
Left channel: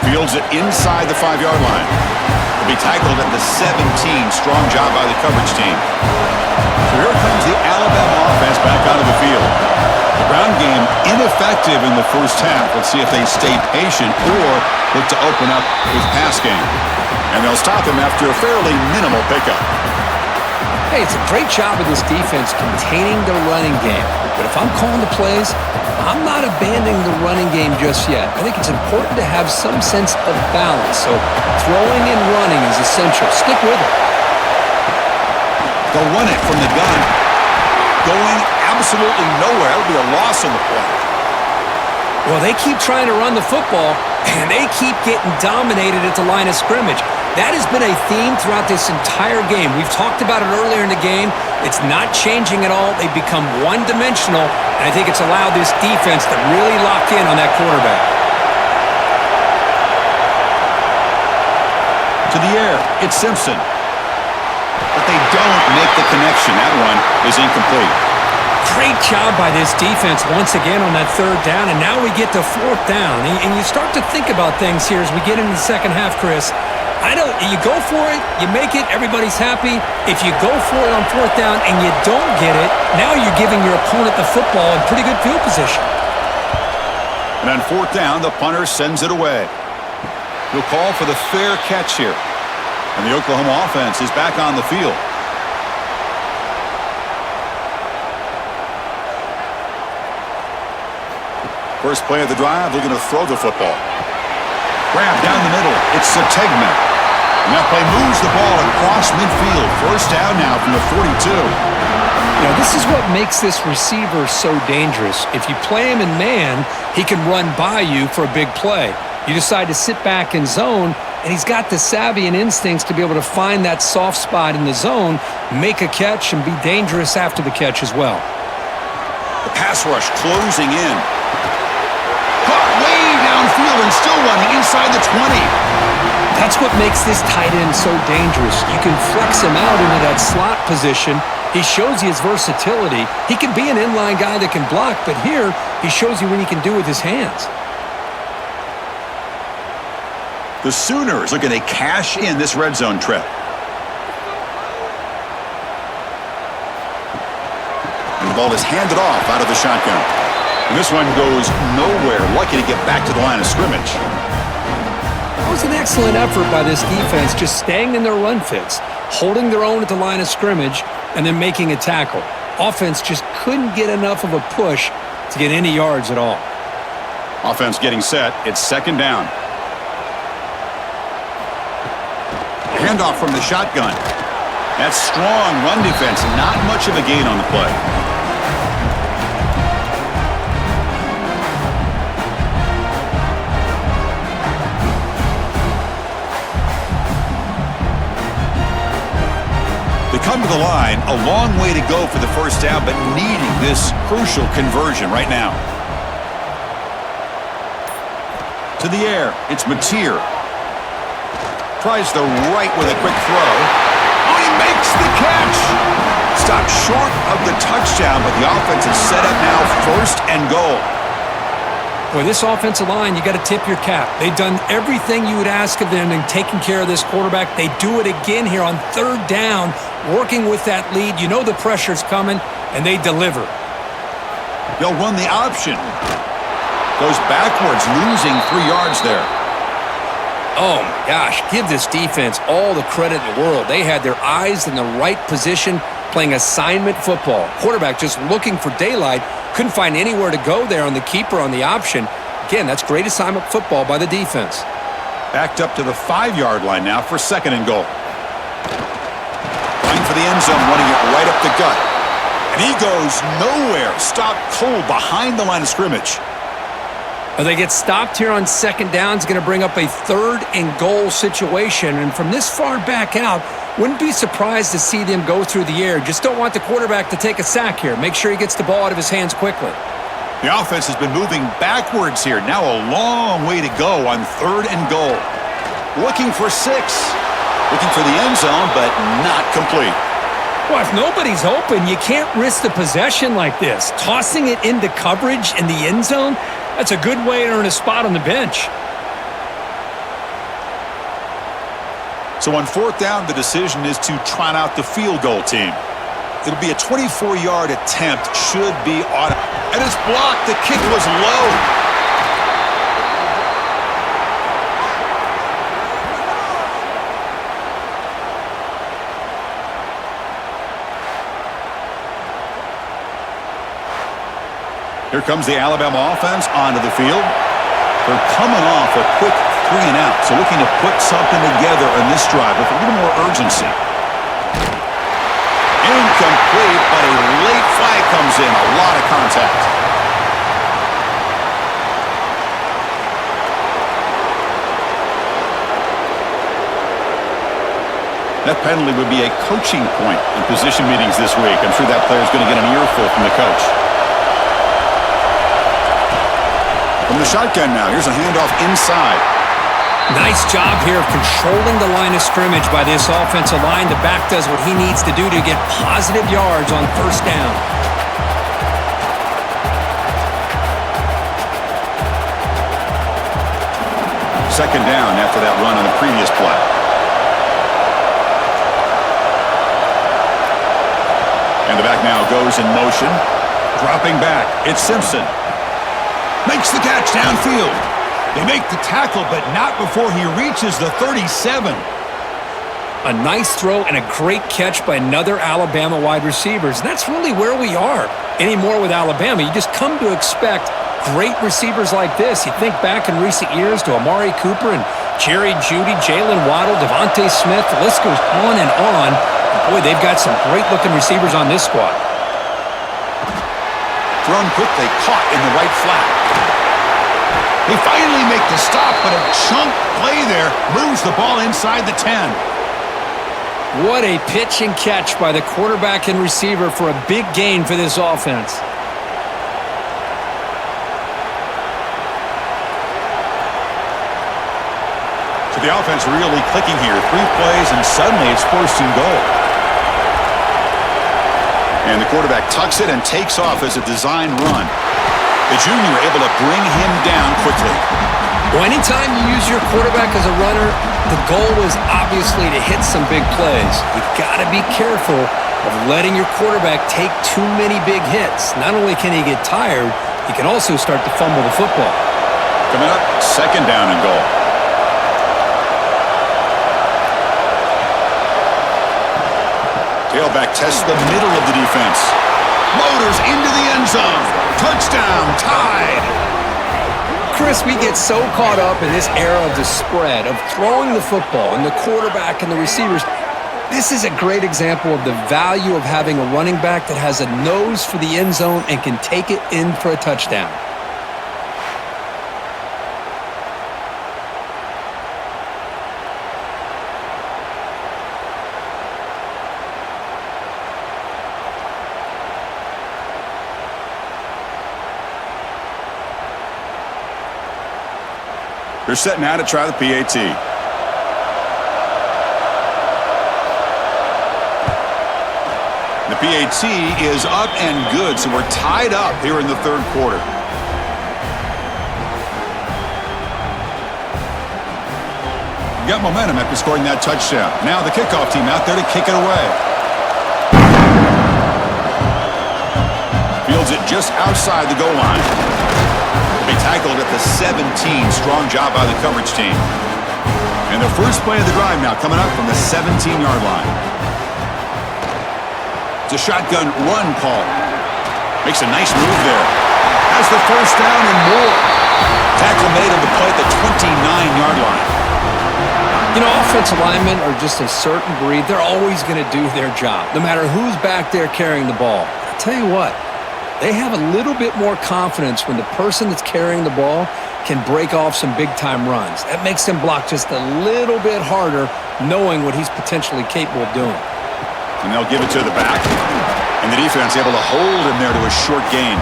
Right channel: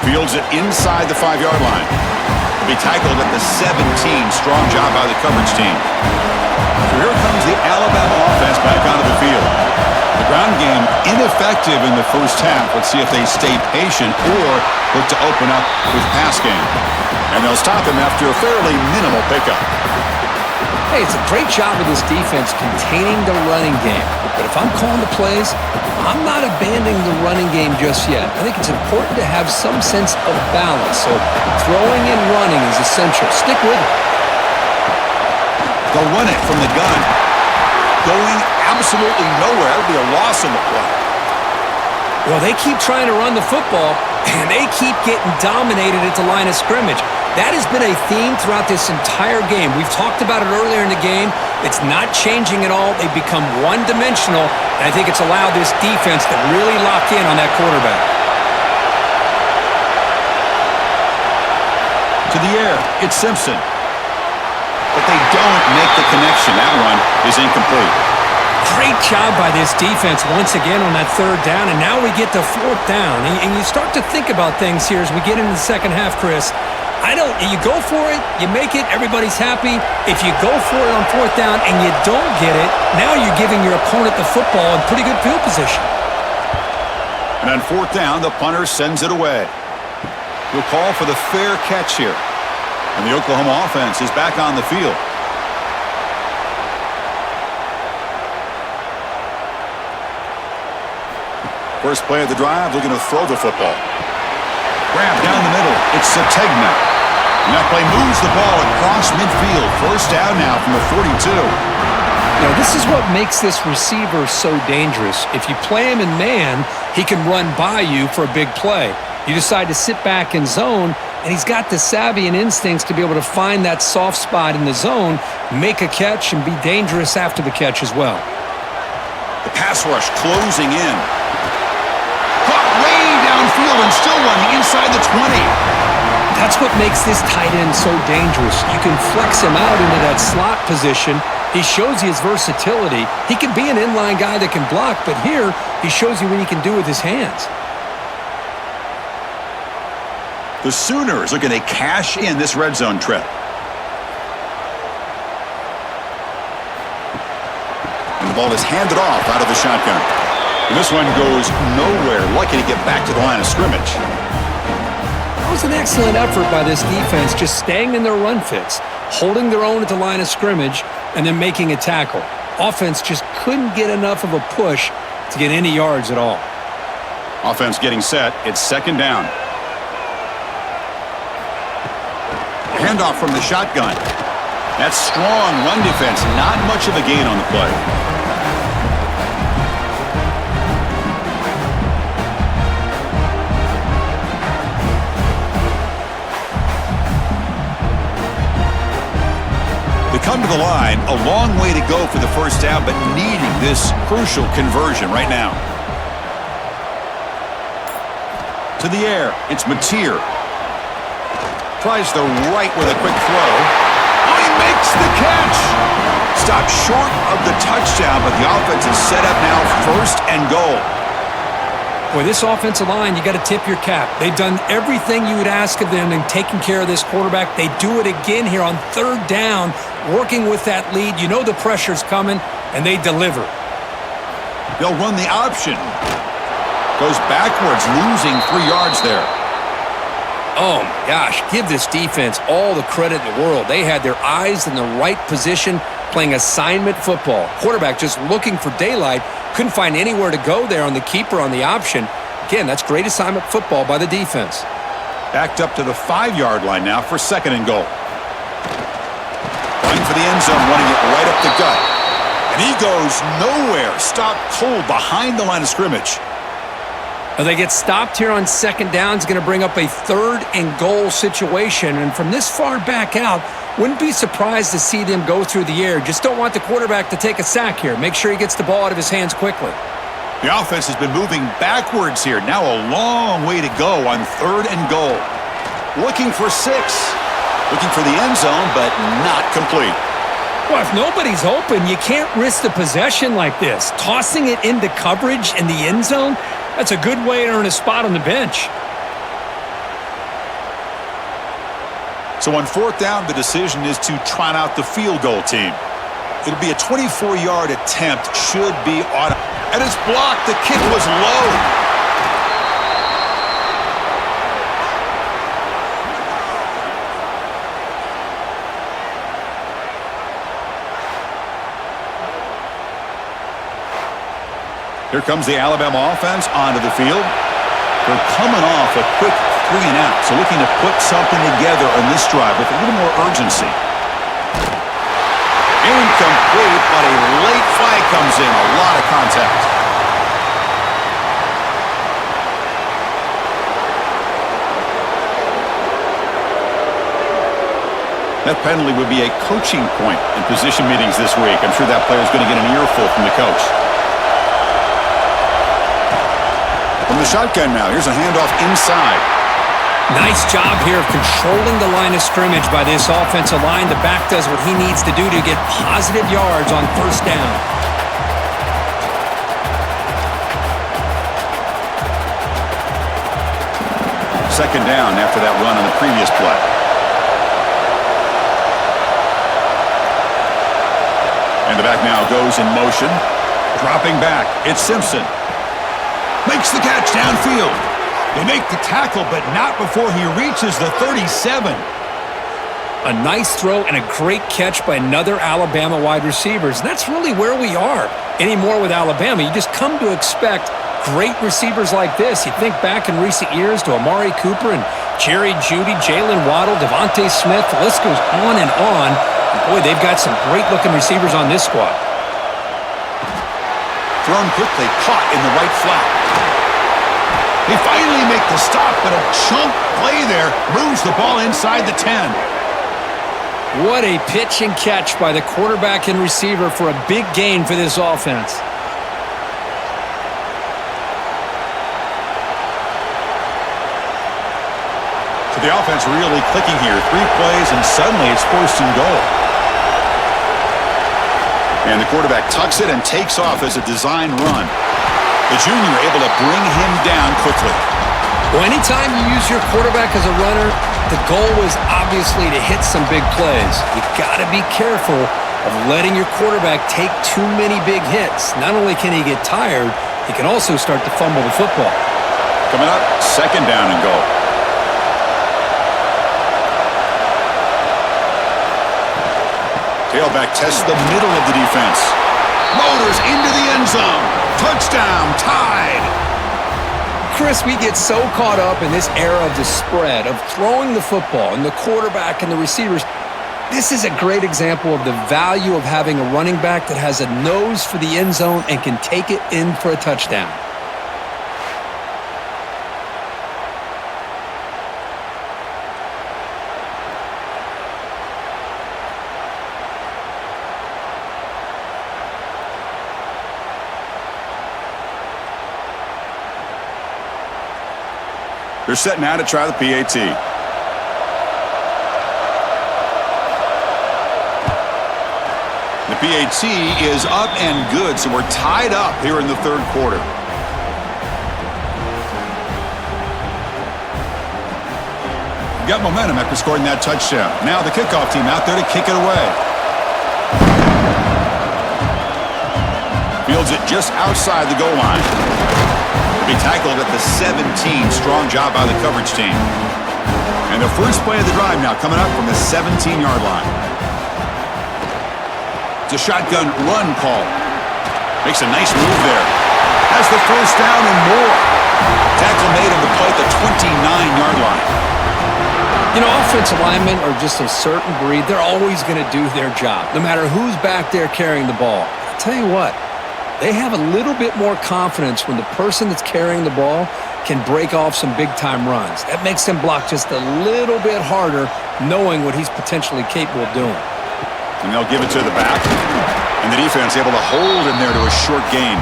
Fields it inside the 5-yard line. He'll be tackled at the 17. Strong job by the coverage team. So here comes the Alabama offense back onto the field. The ground game ineffective in the first half. Let's see if they stay patient or look to open up with pass game. And they'll stop him after a fairly minimal pickup. Hey, it's a great job of this defense containing the running game. But if I'm calling the plays, I'm not abandoning the running game just yet. I think it's important to have some sense of balance. So throwing and running is essential. Stick with it. They'll run it from the gun. Going absolutely nowhere. That would be a loss in the play. Well, they keep trying to run the football, and they keep getting dominated at the line of scrimmage. That has been a theme throughout this entire game. We've talked about it earlier in the game. It's not changing at all. They've become one-dimensional, and I think it's allowed this defense to really lock in on that quarterback. To the air, it's Simpson. But they don't make the connection. That one is incomplete. Great job by this defense once again on that third down, and now we get to fourth down. And you start to think about things here as we get into the second half, Chris. You go for it, you make it, everybody's happy. If you go for it on fourth down and you don't get it, now you're giving your opponent the football in pretty good field position. And on fourth down, the punter sends it away. He'll call for the fair catch here. And the Oklahoma offense is back on the field. First play of the drive, looking to throw the football. Grab down the middle. It's Sategna. And that play moves the ball across midfield. First down now from the 42. You know, this is what makes this receiver so dangerous. If you play him in man, he can run by you for a big play. You decide to sit back in zone, and he's got the savvy and instincts to be able to find that soft spot in the zone, make a catch, and be dangerous after the catch as well. The pass rush closing in. Caught way downfield and still running inside the 20. That's what makes this tight end so dangerous. You can flex him out into that slot position. He shows you his versatility. He can be an inline guy that can block, but here he shows you what he can do with his hands. The Sooners looking to cash in this red zone trip. And the ball is handed off out of the shotgun. And this one goes nowhere. Lucky to get back to the line of scrimmage. That was an excellent effort by this defense, just staying in their run fits, holding their own at the line of scrimmage, and then making a tackle. Offense just couldn't get enough of a push to get any yards at all. Offense getting set. It's second down. Handoff from the shotgun. That's strong run defense. Not much of a gain on the play. come to the line, a long way to go for the first down, but needing this crucial conversion right now. To the air, it's Mateer. Tries the right with a quick throw. Oh, he makes the catch! Stopped short of the touchdown, but the offense is set up now, 1st and goal. Boy, this offensive line, you got to tip your cap. They've done everything you would ask of them in taking care of this quarterback. They do it again here on 3rd down, working with that lead. You know the pressure's coming, and they deliver. They'll run the option. Goes backwards, losing 3 yards there. Oh, my gosh. Give this defense all the credit in the world. They had their eyes in the right position, playing assignment football. Quarterback just looking for daylight. Couldn't find anywhere to go there on the keeper on the option. Again, that's great assignment football by the defense. Backed up to the 5-yard line now for 2nd and goal. Running for the end zone, running it right up the gut. And he goes nowhere. Stopped cold behind the line of scrimmage. They get stopped here on 2nd down. It's going to bring up a 3rd and goal situation. And from this far back out, wouldn't be surprised to see them go through the air. Just don't want the quarterback to take a sack here. Make sure he gets the ball out of his hands quickly. The offense has been moving backwards here. Now a long way to go on 3rd and goal. Looking for 6. Looking for the end zone, but not complete. Well, if nobody's open, you can't risk the possession like this. Tossing it into coverage in the end zone, that's a good way to earn a spot on the bench. So on 4th down, the decision is to trot out the field goal team. It'll be a 24-yard attempt, should be on. And it's blocked. The kick was low. Here comes the Alabama offense onto the field. They're coming off a quick 3 and out, so looking to put something together on this drive with a little more urgency. Incomplete, but a late flag comes in. A lot of contact. That penalty would be a coaching point in position meetings this week. I'm sure that player's going to get an earful from the coach. From the shotgun now, here's a handoff inside. Nice job here of controlling the line of scrimmage by this offensive line. The back does what he needs to do to get positive yards on 1st down. Second down after that run on the previous play. And the back now goes in motion. Dropping back, it's Simpson. Makes the catch downfield. They make the tackle, but not before he reaches the 37. A nice throw and a great catch by another Alabama wide receivers. And that's really where we are anymore with Alabama. You just come to expect great receivers like this. You think back in recent years to Amari Cooper and Jerry Jeudy, Jalen Waddle, Devontae Smith. The list goes on and on. And boy, they've got some great-looking receivers on this squad. Thrown quickly, caught in the right flat. They finally make the stop, but a chunk play there moves the ball inside the 10. What a pitch and catch by the quarterback and receiver for a big gain for this offense. So the offense really clicking here. 3 plays, and suddenly it's 1st and goal. And the quarterback tucks it and takes off as a design run. The junior able to bring him down quickly. Well, anytime you use your quarterback as a runner, the goal is obviously to hit some big plays. You got to be careful of letting your quarterback take too many big hits. Not only can he get tired, he can also start to fumble the football. Coming up, 2nd down and goal. Tailback tests the middle of the defense. Motors into the end zone. Touchdown, tied. Chris, we get so caught up in this era of the spread, of throwing the football, and the quarterback and the receivers. This is a great example of the value of having a running back that has a nose for the end zone and can take it in for a touchdown. They're set now to try the PAT. The PAT is up and good, so we're tied up here in the third quarter. Got momentum after scoring that touchdown. Now the kickoff team out there to kick it away. Fields it just outside the goal line. Will be tackled at the 17. Strong job by the coverage team. And the first play of the drive now coming up from the 17-yard line. It's a shotgun run call. Makes a nice move there. Has the first down and more. Tackle made on the play at the 29-yard line. You know, offensive linemen are just a certain breed. They're always going to do their job, no matter who's back there carrying the ball. I'll tell you what, they have a little bit more confidence when the person that's carrying the ball can break off some big-time runs. That makes them block just a little bit harder, knowing what he's potentially capable of doing. And they'll give it to the back. And the defense able to hold him there to a short gain.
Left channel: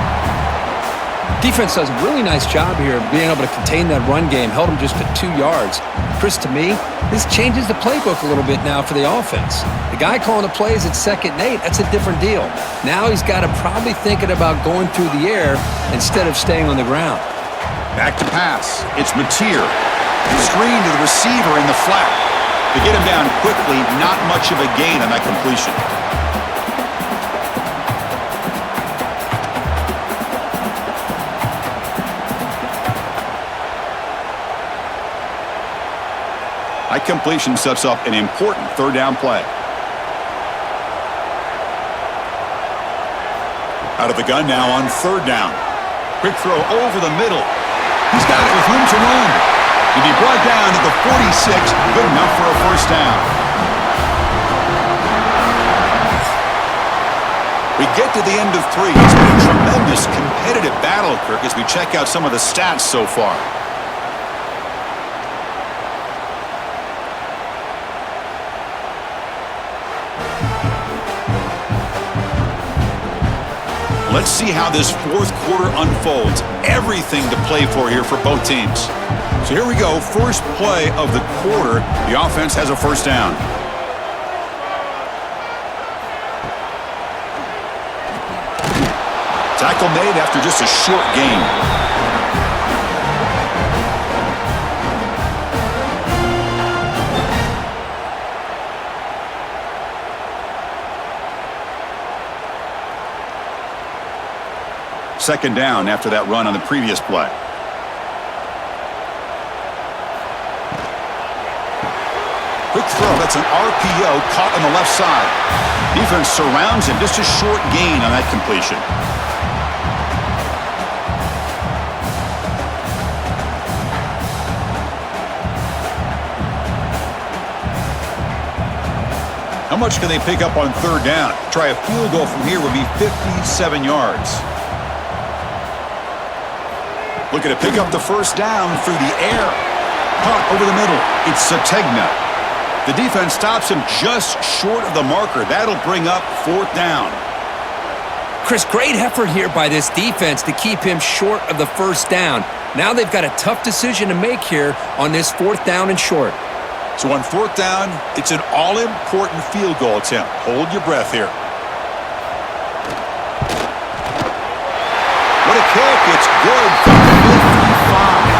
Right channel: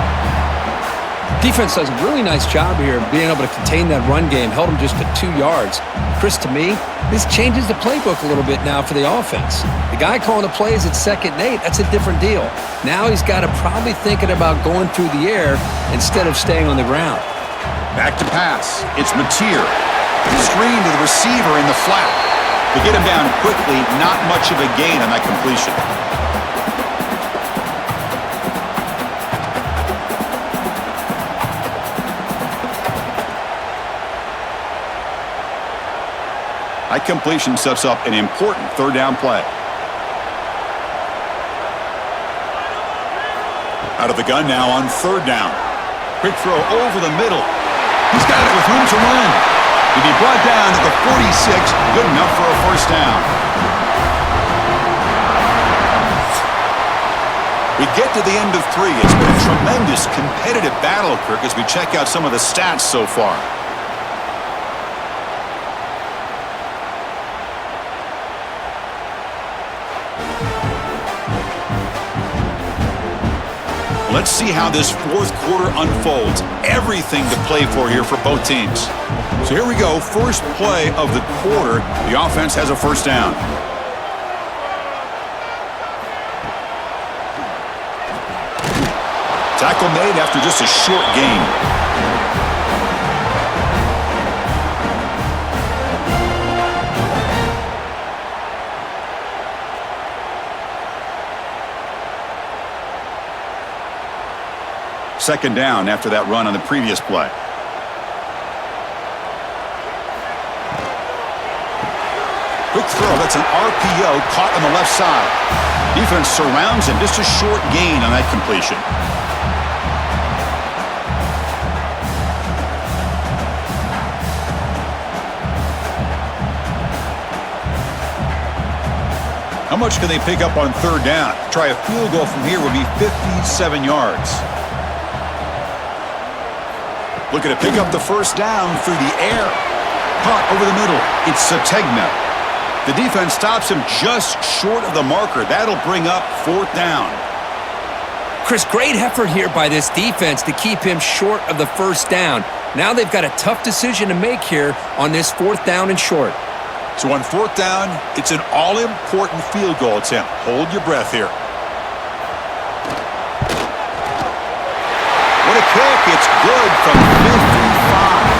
Defense does a really nice job here of being able to contain that run game. Held him just at 2 yards. Chris, to me, this changes the playbook a little bit now for the offense. The guy calling the plays at 2nd and 8, that's a different deal. Now he's got to probably thinking about going through the air instead of staying on the ground. Back to pass. It's Mateer. Screen to the receiver in the flat. To get him down quickly, not much of a gain on that completion. That completion sets up an important third down play. Out of the gun now on third down. Quick throw over the middle. He's got it with room to run. He'll be brought down at the 46. Good enough for a first down. We get to the end of 3. It's been a tremendous competitive battle, Kirk, as we check out some of the stats so far. Let's see how this fourth quarter unfolds. Everything to play for here for both teams. So here we go. First play of the quarter. The offense has a first down. Tackle made after just a short gain. Second down after that run on the previous play. Quick throw. That's an RPO caught on the left side. Defense surrounds him. Just a short gain on that completion. How much can they pick up on third down? Try a field goal from here would be 57 yards. Looking to pick up the first down through the air. Caught over the middle. It's Sategna. The defense stops him just short of the marker. That'll bring up fourth down. Chris, great effort here by this defense to keep him short of the first down. Now they've got a tough decision to make here on this fourth down and short. So on fourth down, it's an all-important field goal attempt. Hold your breath here. What a kick. It's good from 55.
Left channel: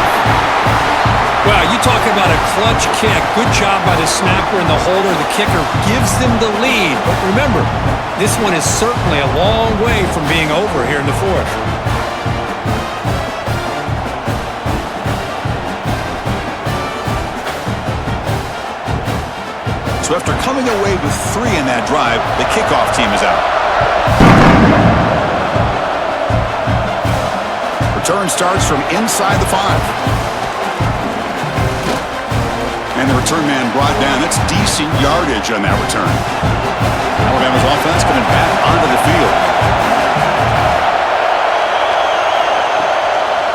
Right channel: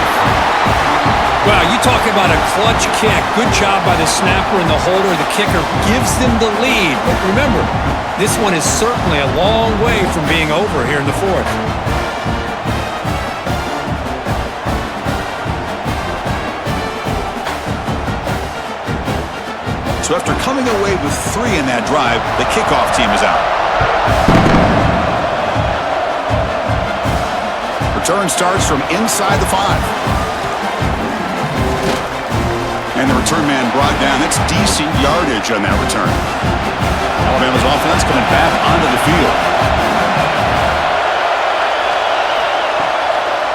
Well, you talk about a clutch kick. Good job by the snapper and the holder. The kicker gives them the lead. But remember, this one is certainly a long way from being over here in the fourth. So after coming away with 3 in that drive, the kickoff team is out. Return starts from inside the 5. And the return man brought down. That's decent yardage on that return. Alabama's offense coming back onto the field.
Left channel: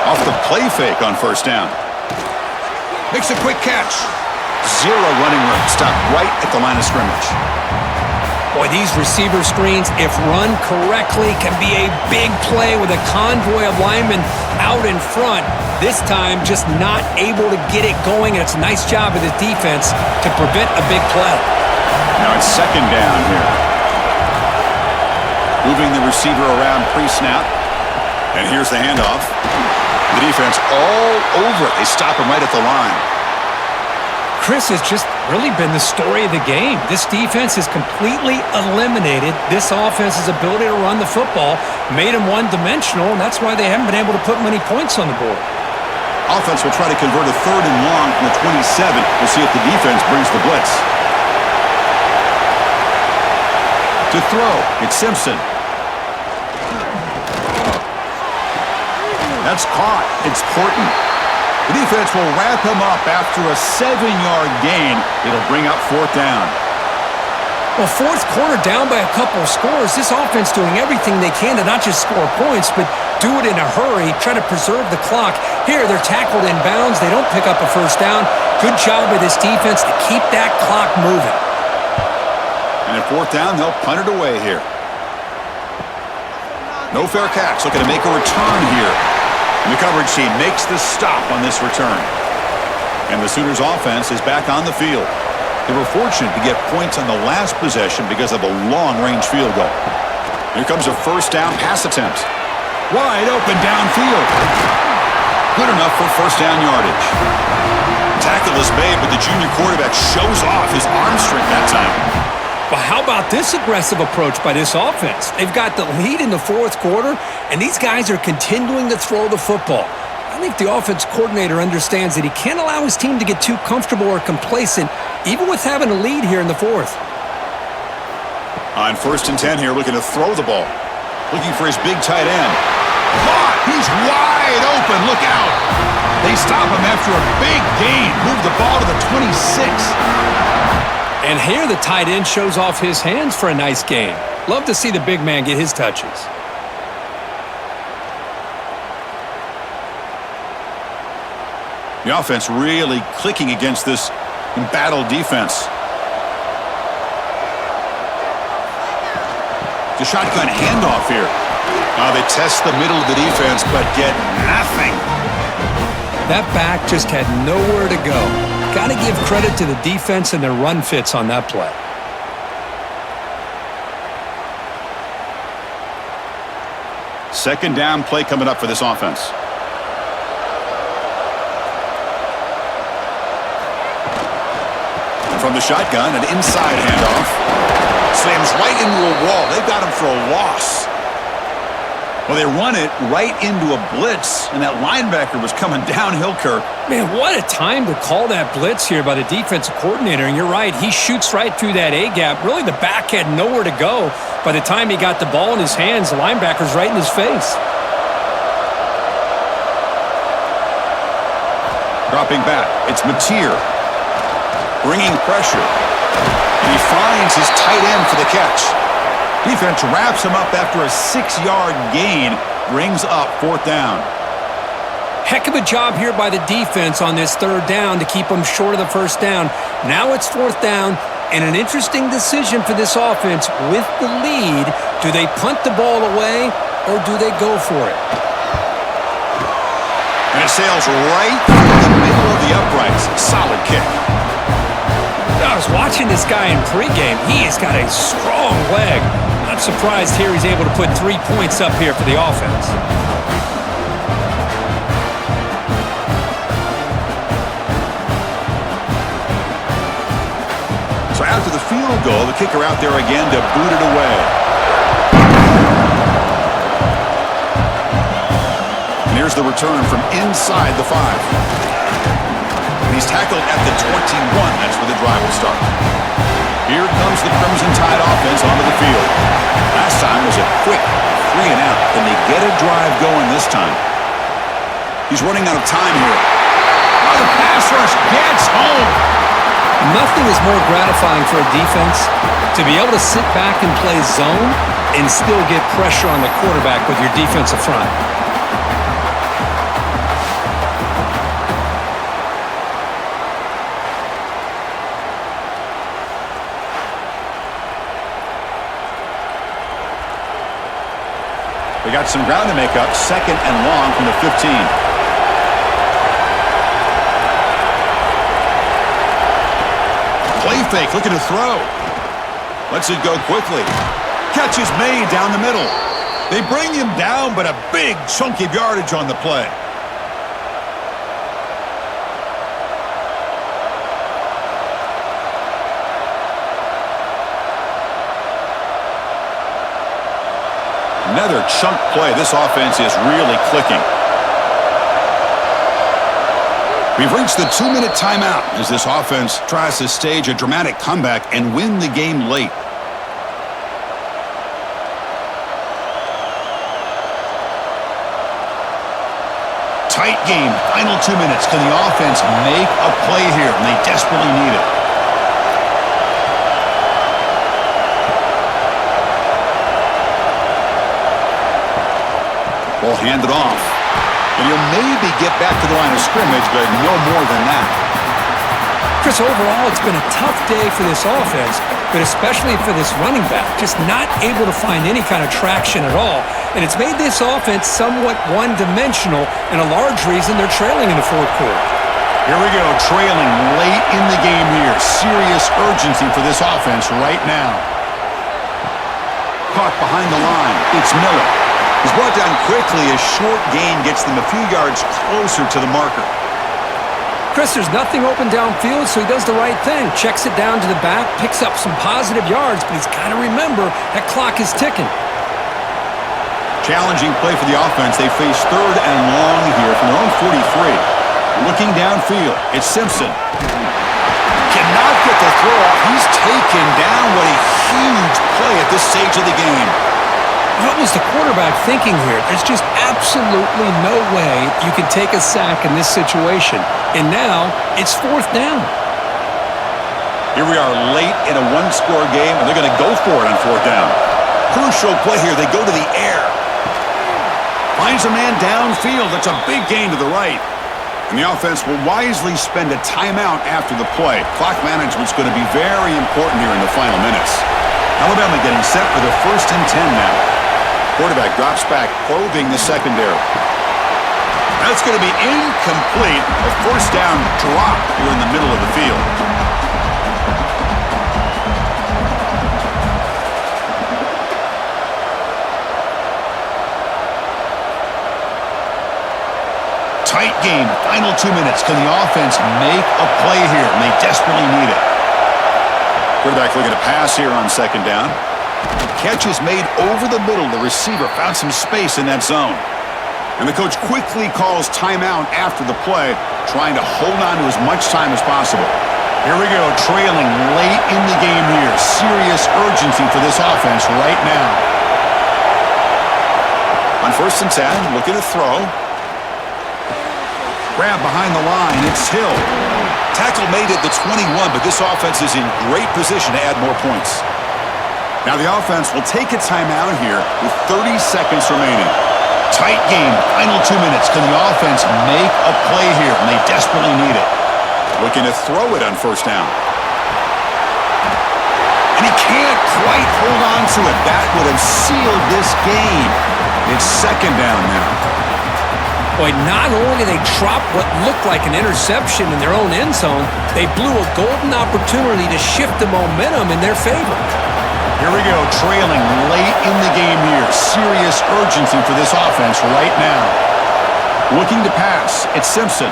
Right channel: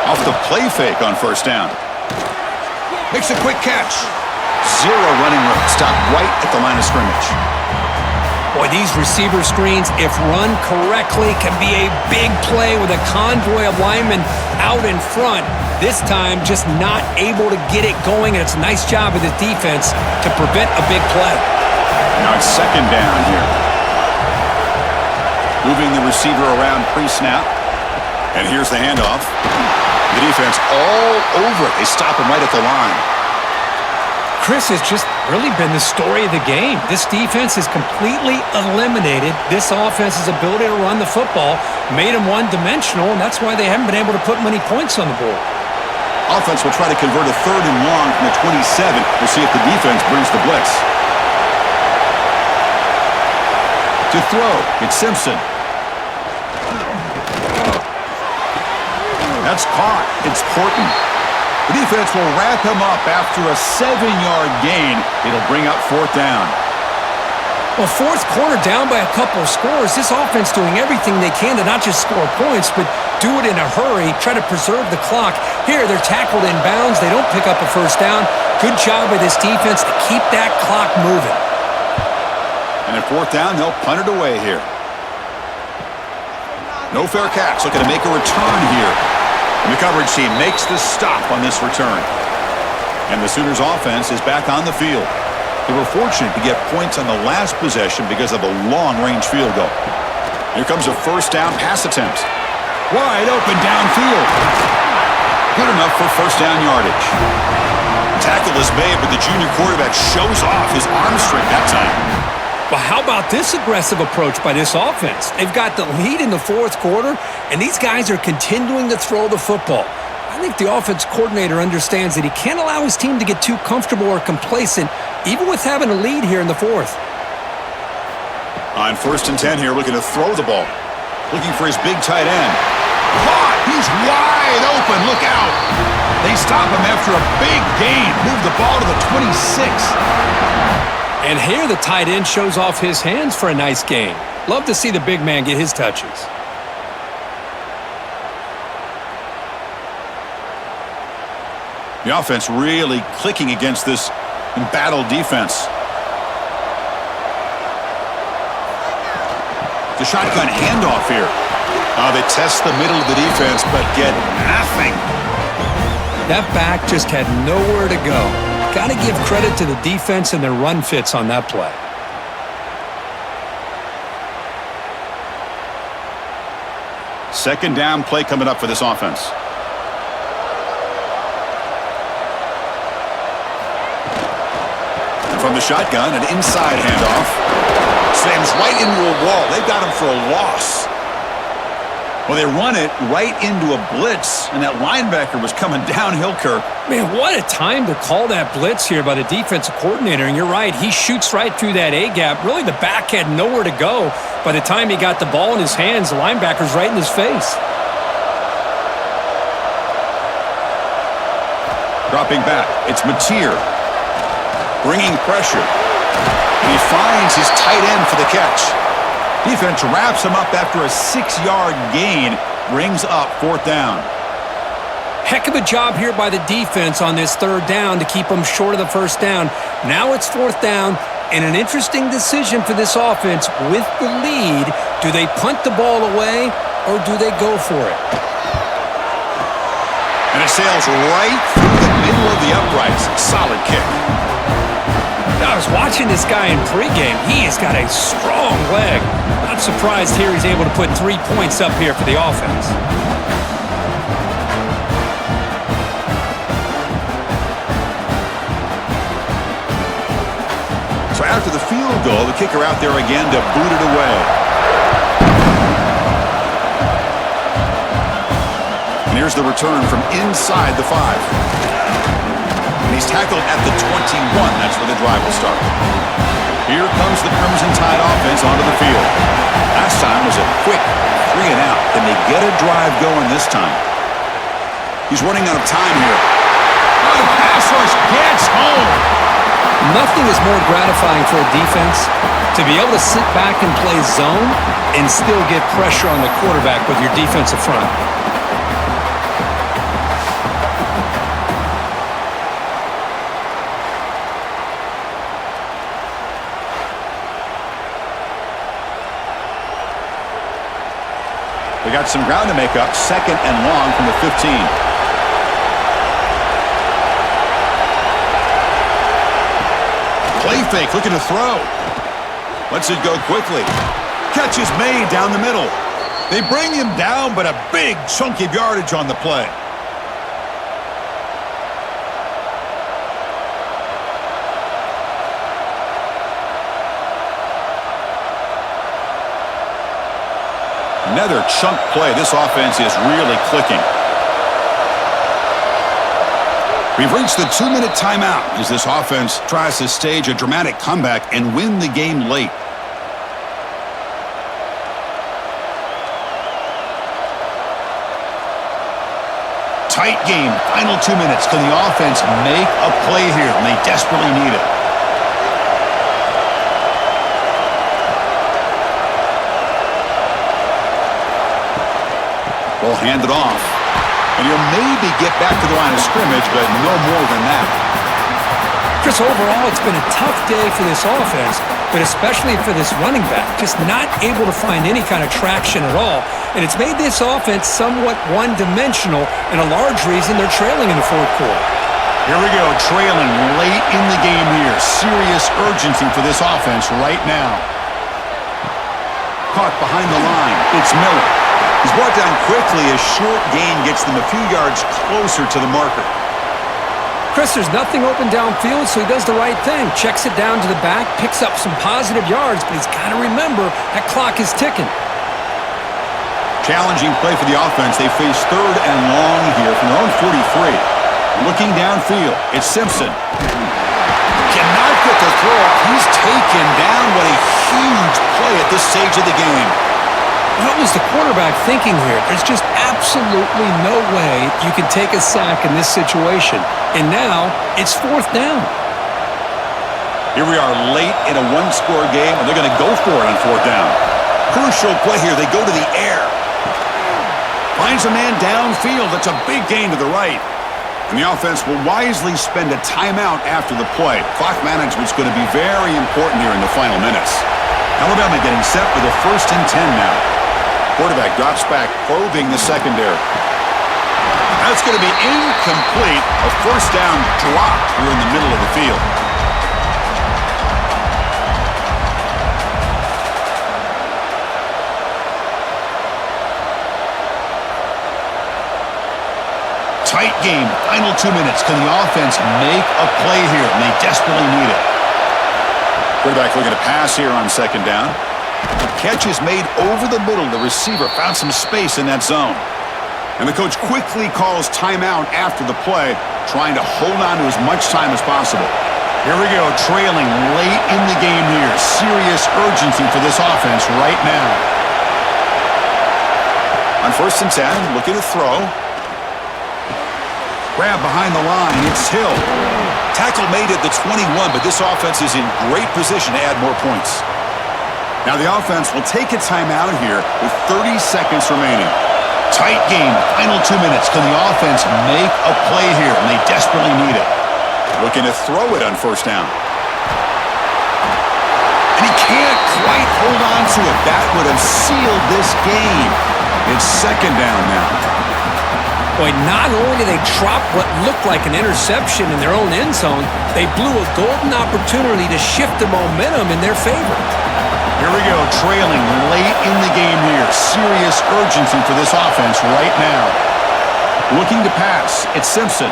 Off the play fake on first down. Makes a quick catch. 0 running room. Stopped right at the line of scrimmage. Boy, these receiver screens, if run correctly, can be a big play with a convoy of linemen out in front. This time, just not able to get it going, and it's a nice job of the defense to prevent a big play. Now it's second down here. Moving the receiver around pre-snap. And here's the handoff. The defense all over it. They stop him right at the line. Chris has just really been the story of the game. This defense has completely eliminated this offense's ability to run the football, made them one-dimensional, and that's why they haven't been able to put many points on the board. Offense will try to convert a 3rd and long from the 27. We'll see if the defense brings the blitz. To throw, it's Simpson. That's caught. It's Horton. The defense will wrap him up after a 7-yard gain. It'll bring up 4th down. Well, 4th quarter down by a couple of scores. This offense doing everything they can to not just score points, but do it in a hurry, try to preserve the clock. Here, they're tackled in bounds. They don't pick up a 1st down. Good job by this defense to keep that clock moving. And at 4th down, they'll punt it away here. No fair catch. Looking to make a return here. And the coverage team makes the stop on this return. And the Sooners offense is back on the field. They were fortunate to get points on the last possession because of a long-range field goal. Here comes a 1st down pass attempt. Wide open downfield. Good enough for 1st down yardage. Tackle is made, but the junior quarterback shows off his arm strength that time. Well, how about this aggressive approach by this offense? They've got the lead in the 4th quarter, and these guys are continuing to throw the football. I think the offense coordinator understands that he can't allow his team to get too comfortable or complacent, even with having a lead here in the 4th. On 1st and 10 here, looking to throw the ball. Looking for his big tight end. Caught! He's wide open. Look out! They stop him after a big gain. Move the ball to the 26. And here the tight end shows off his hands for a nice gain. Love to see the big man get his touches. The offense really clicking against this embattled defense. The shotgun handoff here. They test the middle of the defense, but get nothing. That back just had nowhere to go. Got to give credit to the defense and their run fits on that play. Second down play coming up for this offense. And from the shotgun, an inside handoff. Slams right into a wall. They've got him for a loss. Well, they run it right into a blitz, and that linebacker was coming downhill, Kirk. Man, what a time to call that blitz here by the defensive coordinator. And you're right, he shoots right through that A-gap. Really, the back had nowhere to go. By the time he got the ball in his hands, the linebacker's right in his face. Dropping back, it's Mateer. Bringing pressure. And he finds his tight end for the catch. Defense wraps him up after a 6-yard gain, brings up 4th down. Heck of a job here by the defense on this 3rd down to keep them short of the 1st down. Now it's 4th down, and an interesting decision for this offense with the lead. Do they punt the ball away, or do they go for it? And it sails right through the middle of the uprights. Solid kick. I was watching this guy in pregame. He has got a strong leg. Not surprised here he's able to put 3 points up here for the offense. So after the field goal, the kicker out there again to boot it away. And here's the return from inside the 5. And he's tackled at the 21. That's where the drive will start. Here comes the Crimson Tide offense onto the field. Last time was a quick 3 and out. Can they get a drive going this time? He's running out of time here. Oh, the pass rush gets home. Nothing is more gratifying for a defense to be able to sit back and play zone and still get pressure on the quarterback with your defensive front. We got some ground to make up. 2nd and long from the 15. Play fake, looking to throw. Lets it go quickly. Catch is made down the middle. They bring him down, but a big chunk of yardage on the play. Another chunk play. This offense is really clicking. We've reached the 2-minute timeout as this offense tries to stage a dramatic comeback and win the game late. Tight game, final 2 minutes. Can the offense make a play here? And they desperately need it. Ball handed off. And he'll maybe get back to the line of scrimmage, but no more than that. Chris, overall, it's been a tough day for this offense, but especially for this running back. Just not able to find any kind of traction at all. And it's made this offense somewhat one-dimensional, and a large reason they're trailing in the fourth quarter. Here we go, trailing late in the game here. Serious urgency for this offense right now. Caught behind the line. It's Miller. He's brought down quickly. A short gain gets them a few yards closer to the marker. Chris, there's nothing open downfield, so he does the right thing. Checks it down to the back, picks up some positive yards, but he's got to remember that clock is ticking. Challenging play for the offense. They face 3rd and long here from their own 43. Looking downfield, it's Simpson. Cannot get the throw off. He's taken down. What a huge play at this stage of the game. What was the quarterback thinking here? There's just absolutely no way you can take a sack in this situation. And now, it's 4th down. Here we are late in a one-score game, and they're going to go for it on 4th down. Crucial play here. They go to the air. Finds a man downfield. That's a big gain to the right. And the offense will wisely spend a timeout after the play. Clock management's going to be very important here in the final minutes. Alabama getting set for their 1st and 10 now. Quarterback drops back, probing the secondary. That's going to be incomplete. A 1st down drop here in the middle of the field. Tight game, final 2 minutes. Can the offense make a play here? And they desperately need it. Quarterback looking to pass here on 2nd down. Catch is made over the middle. The receiver found some space in that zone. And the coach quickly calls timeout after the play, trying to hold on to as much time as possible. Here we go, trailing late in the game here. Serious urgency for this offense right now. On 1st and 10, looking to throw. Grab behind the line, it's Hill. Tackle made at the 21, but this offense is in great position to add more points. Now the offense will take a timeout here with 30 seconds remaining. Tight game, final 2 minutes. Can the offense make a play here? And they desperately need it. Looking to throw it on 1st down. And he can't quite hold on to it. That would have sealed this game. It's 2nd down now. Boy, not only did they drop what looked like an interception in their own end zone, they blew a golden opportunity to shift the momentum in their favor. Here we go, trailing late in the game here. Serious urgency for this offense right now. Looking to pass, it's Simpson.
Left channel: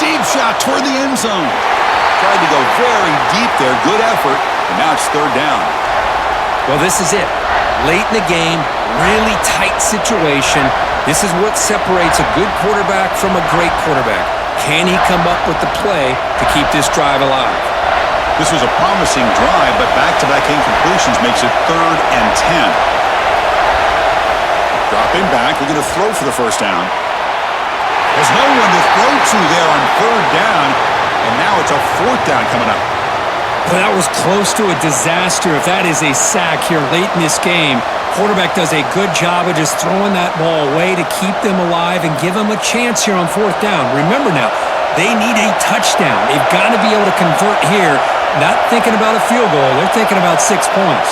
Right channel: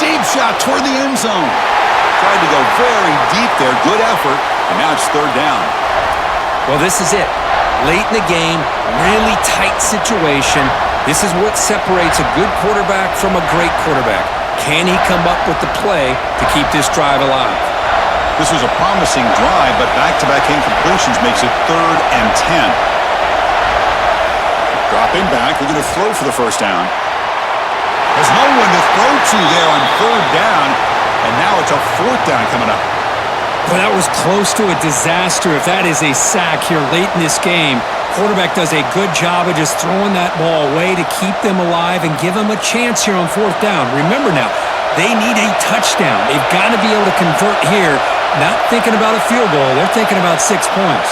Deep shot toward the end zone. Tried to go very deep there, good effort, and now it's 3rd down. Well, this is it. Late in the game, really tight situation. This is what separates a good quarterback from a great quarterback. Can he come up with the play to keep this drive alive? This was a promising drive, but back-to-back incompletions makes it 3rd and 10. Dropping back, looking to throw for the 1st down. There's no one to throw to there on 3rd down, and now it's a 4th down coming up. Well, that was close to a disaster if that is a sack here late in this game. Quarterback does a good job of just throwing that ball away to keep them alive and give them a chance here on 4th down. Remember now, they need a touchdown. They've got to be able to convert here. Not thinking about a field goal. They're thinking about 6 points.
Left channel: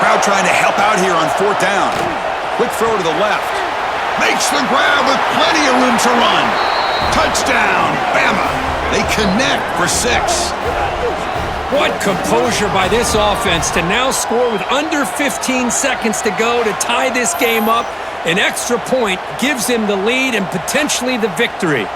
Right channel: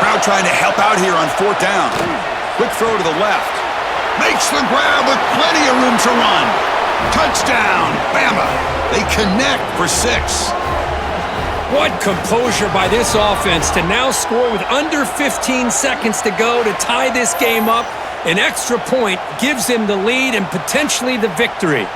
Crowd trying to help out here on 4th down. Quick throw to the left. Makes the grab with plenty of room to run. Touchdown, Bama. They connect for 6. What composure by this offense to now score with under 15 seconds to go to tie this game up. An extra point gives him the lead and potentially the victory.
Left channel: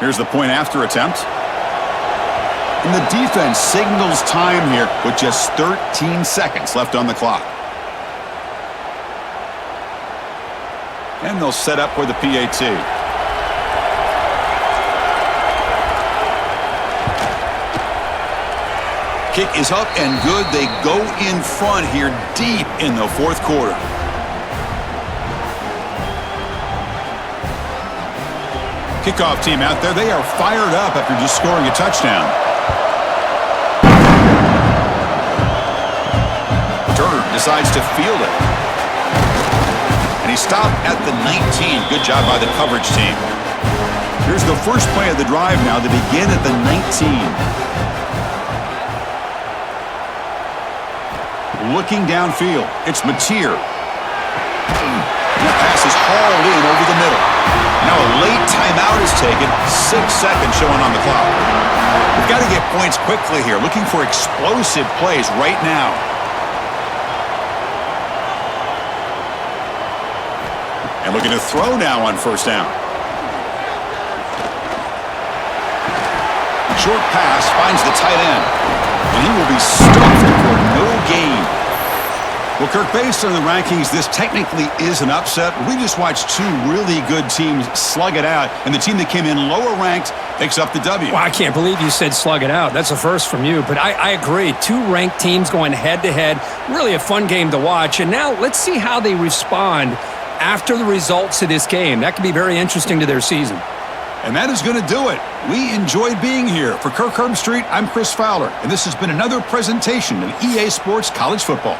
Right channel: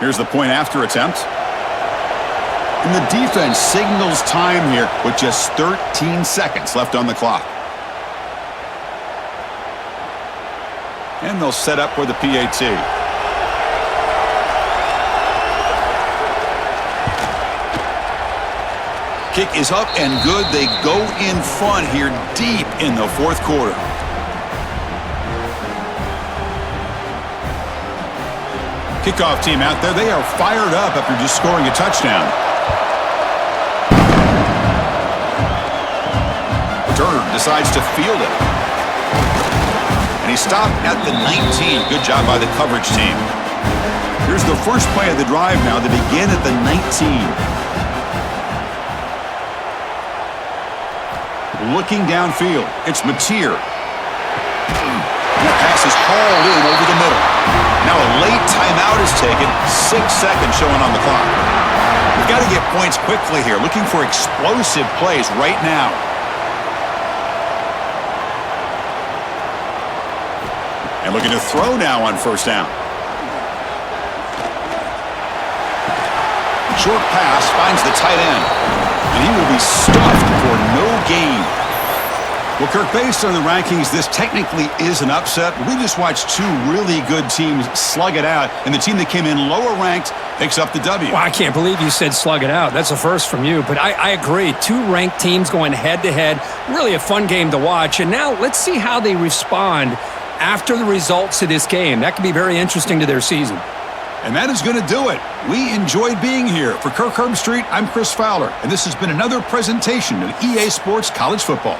Here's the point after attempt. And the defense signals time here with just 13 seconds left on the clock. And they'll set up for the PAT. Kick is up and good. They go in front here deep in the fourth quarter. Kickoff team out there. They are fired up after just scoring a touchdown. Turner decides to field it. And he stopped at the 19. Good job by the coverage team. Here's the first play of the drive now. They begin at the 19. Looking downfield. It's Mateer. And that pass is hauled in over the middle. Now a late timeout is taken. 6 seconds showing on the clock. We've got to get points quickly here. Looking for explosive plays right now. And looking to throw now on first down. Short pass finds the tight end. And he will be stuffed for no gain. Well, Kirk, based on the rankings, this technically is an upset. We just watched two really good teams slug it out, and the team that came in lower ranked picks up the W. Well, I can't believe you said slug it out. That's a first from you, but I agree. Two ranked teams going head-to-head. Really a fun game to watch. And now let's see how they respond after the results of this game. That could be very interesting to their season. And that is going to do it. We enjoyed being here. For Kirk Herbstreit, I'm Chris Fowler, and this has been another presentation of EA Sports College Football.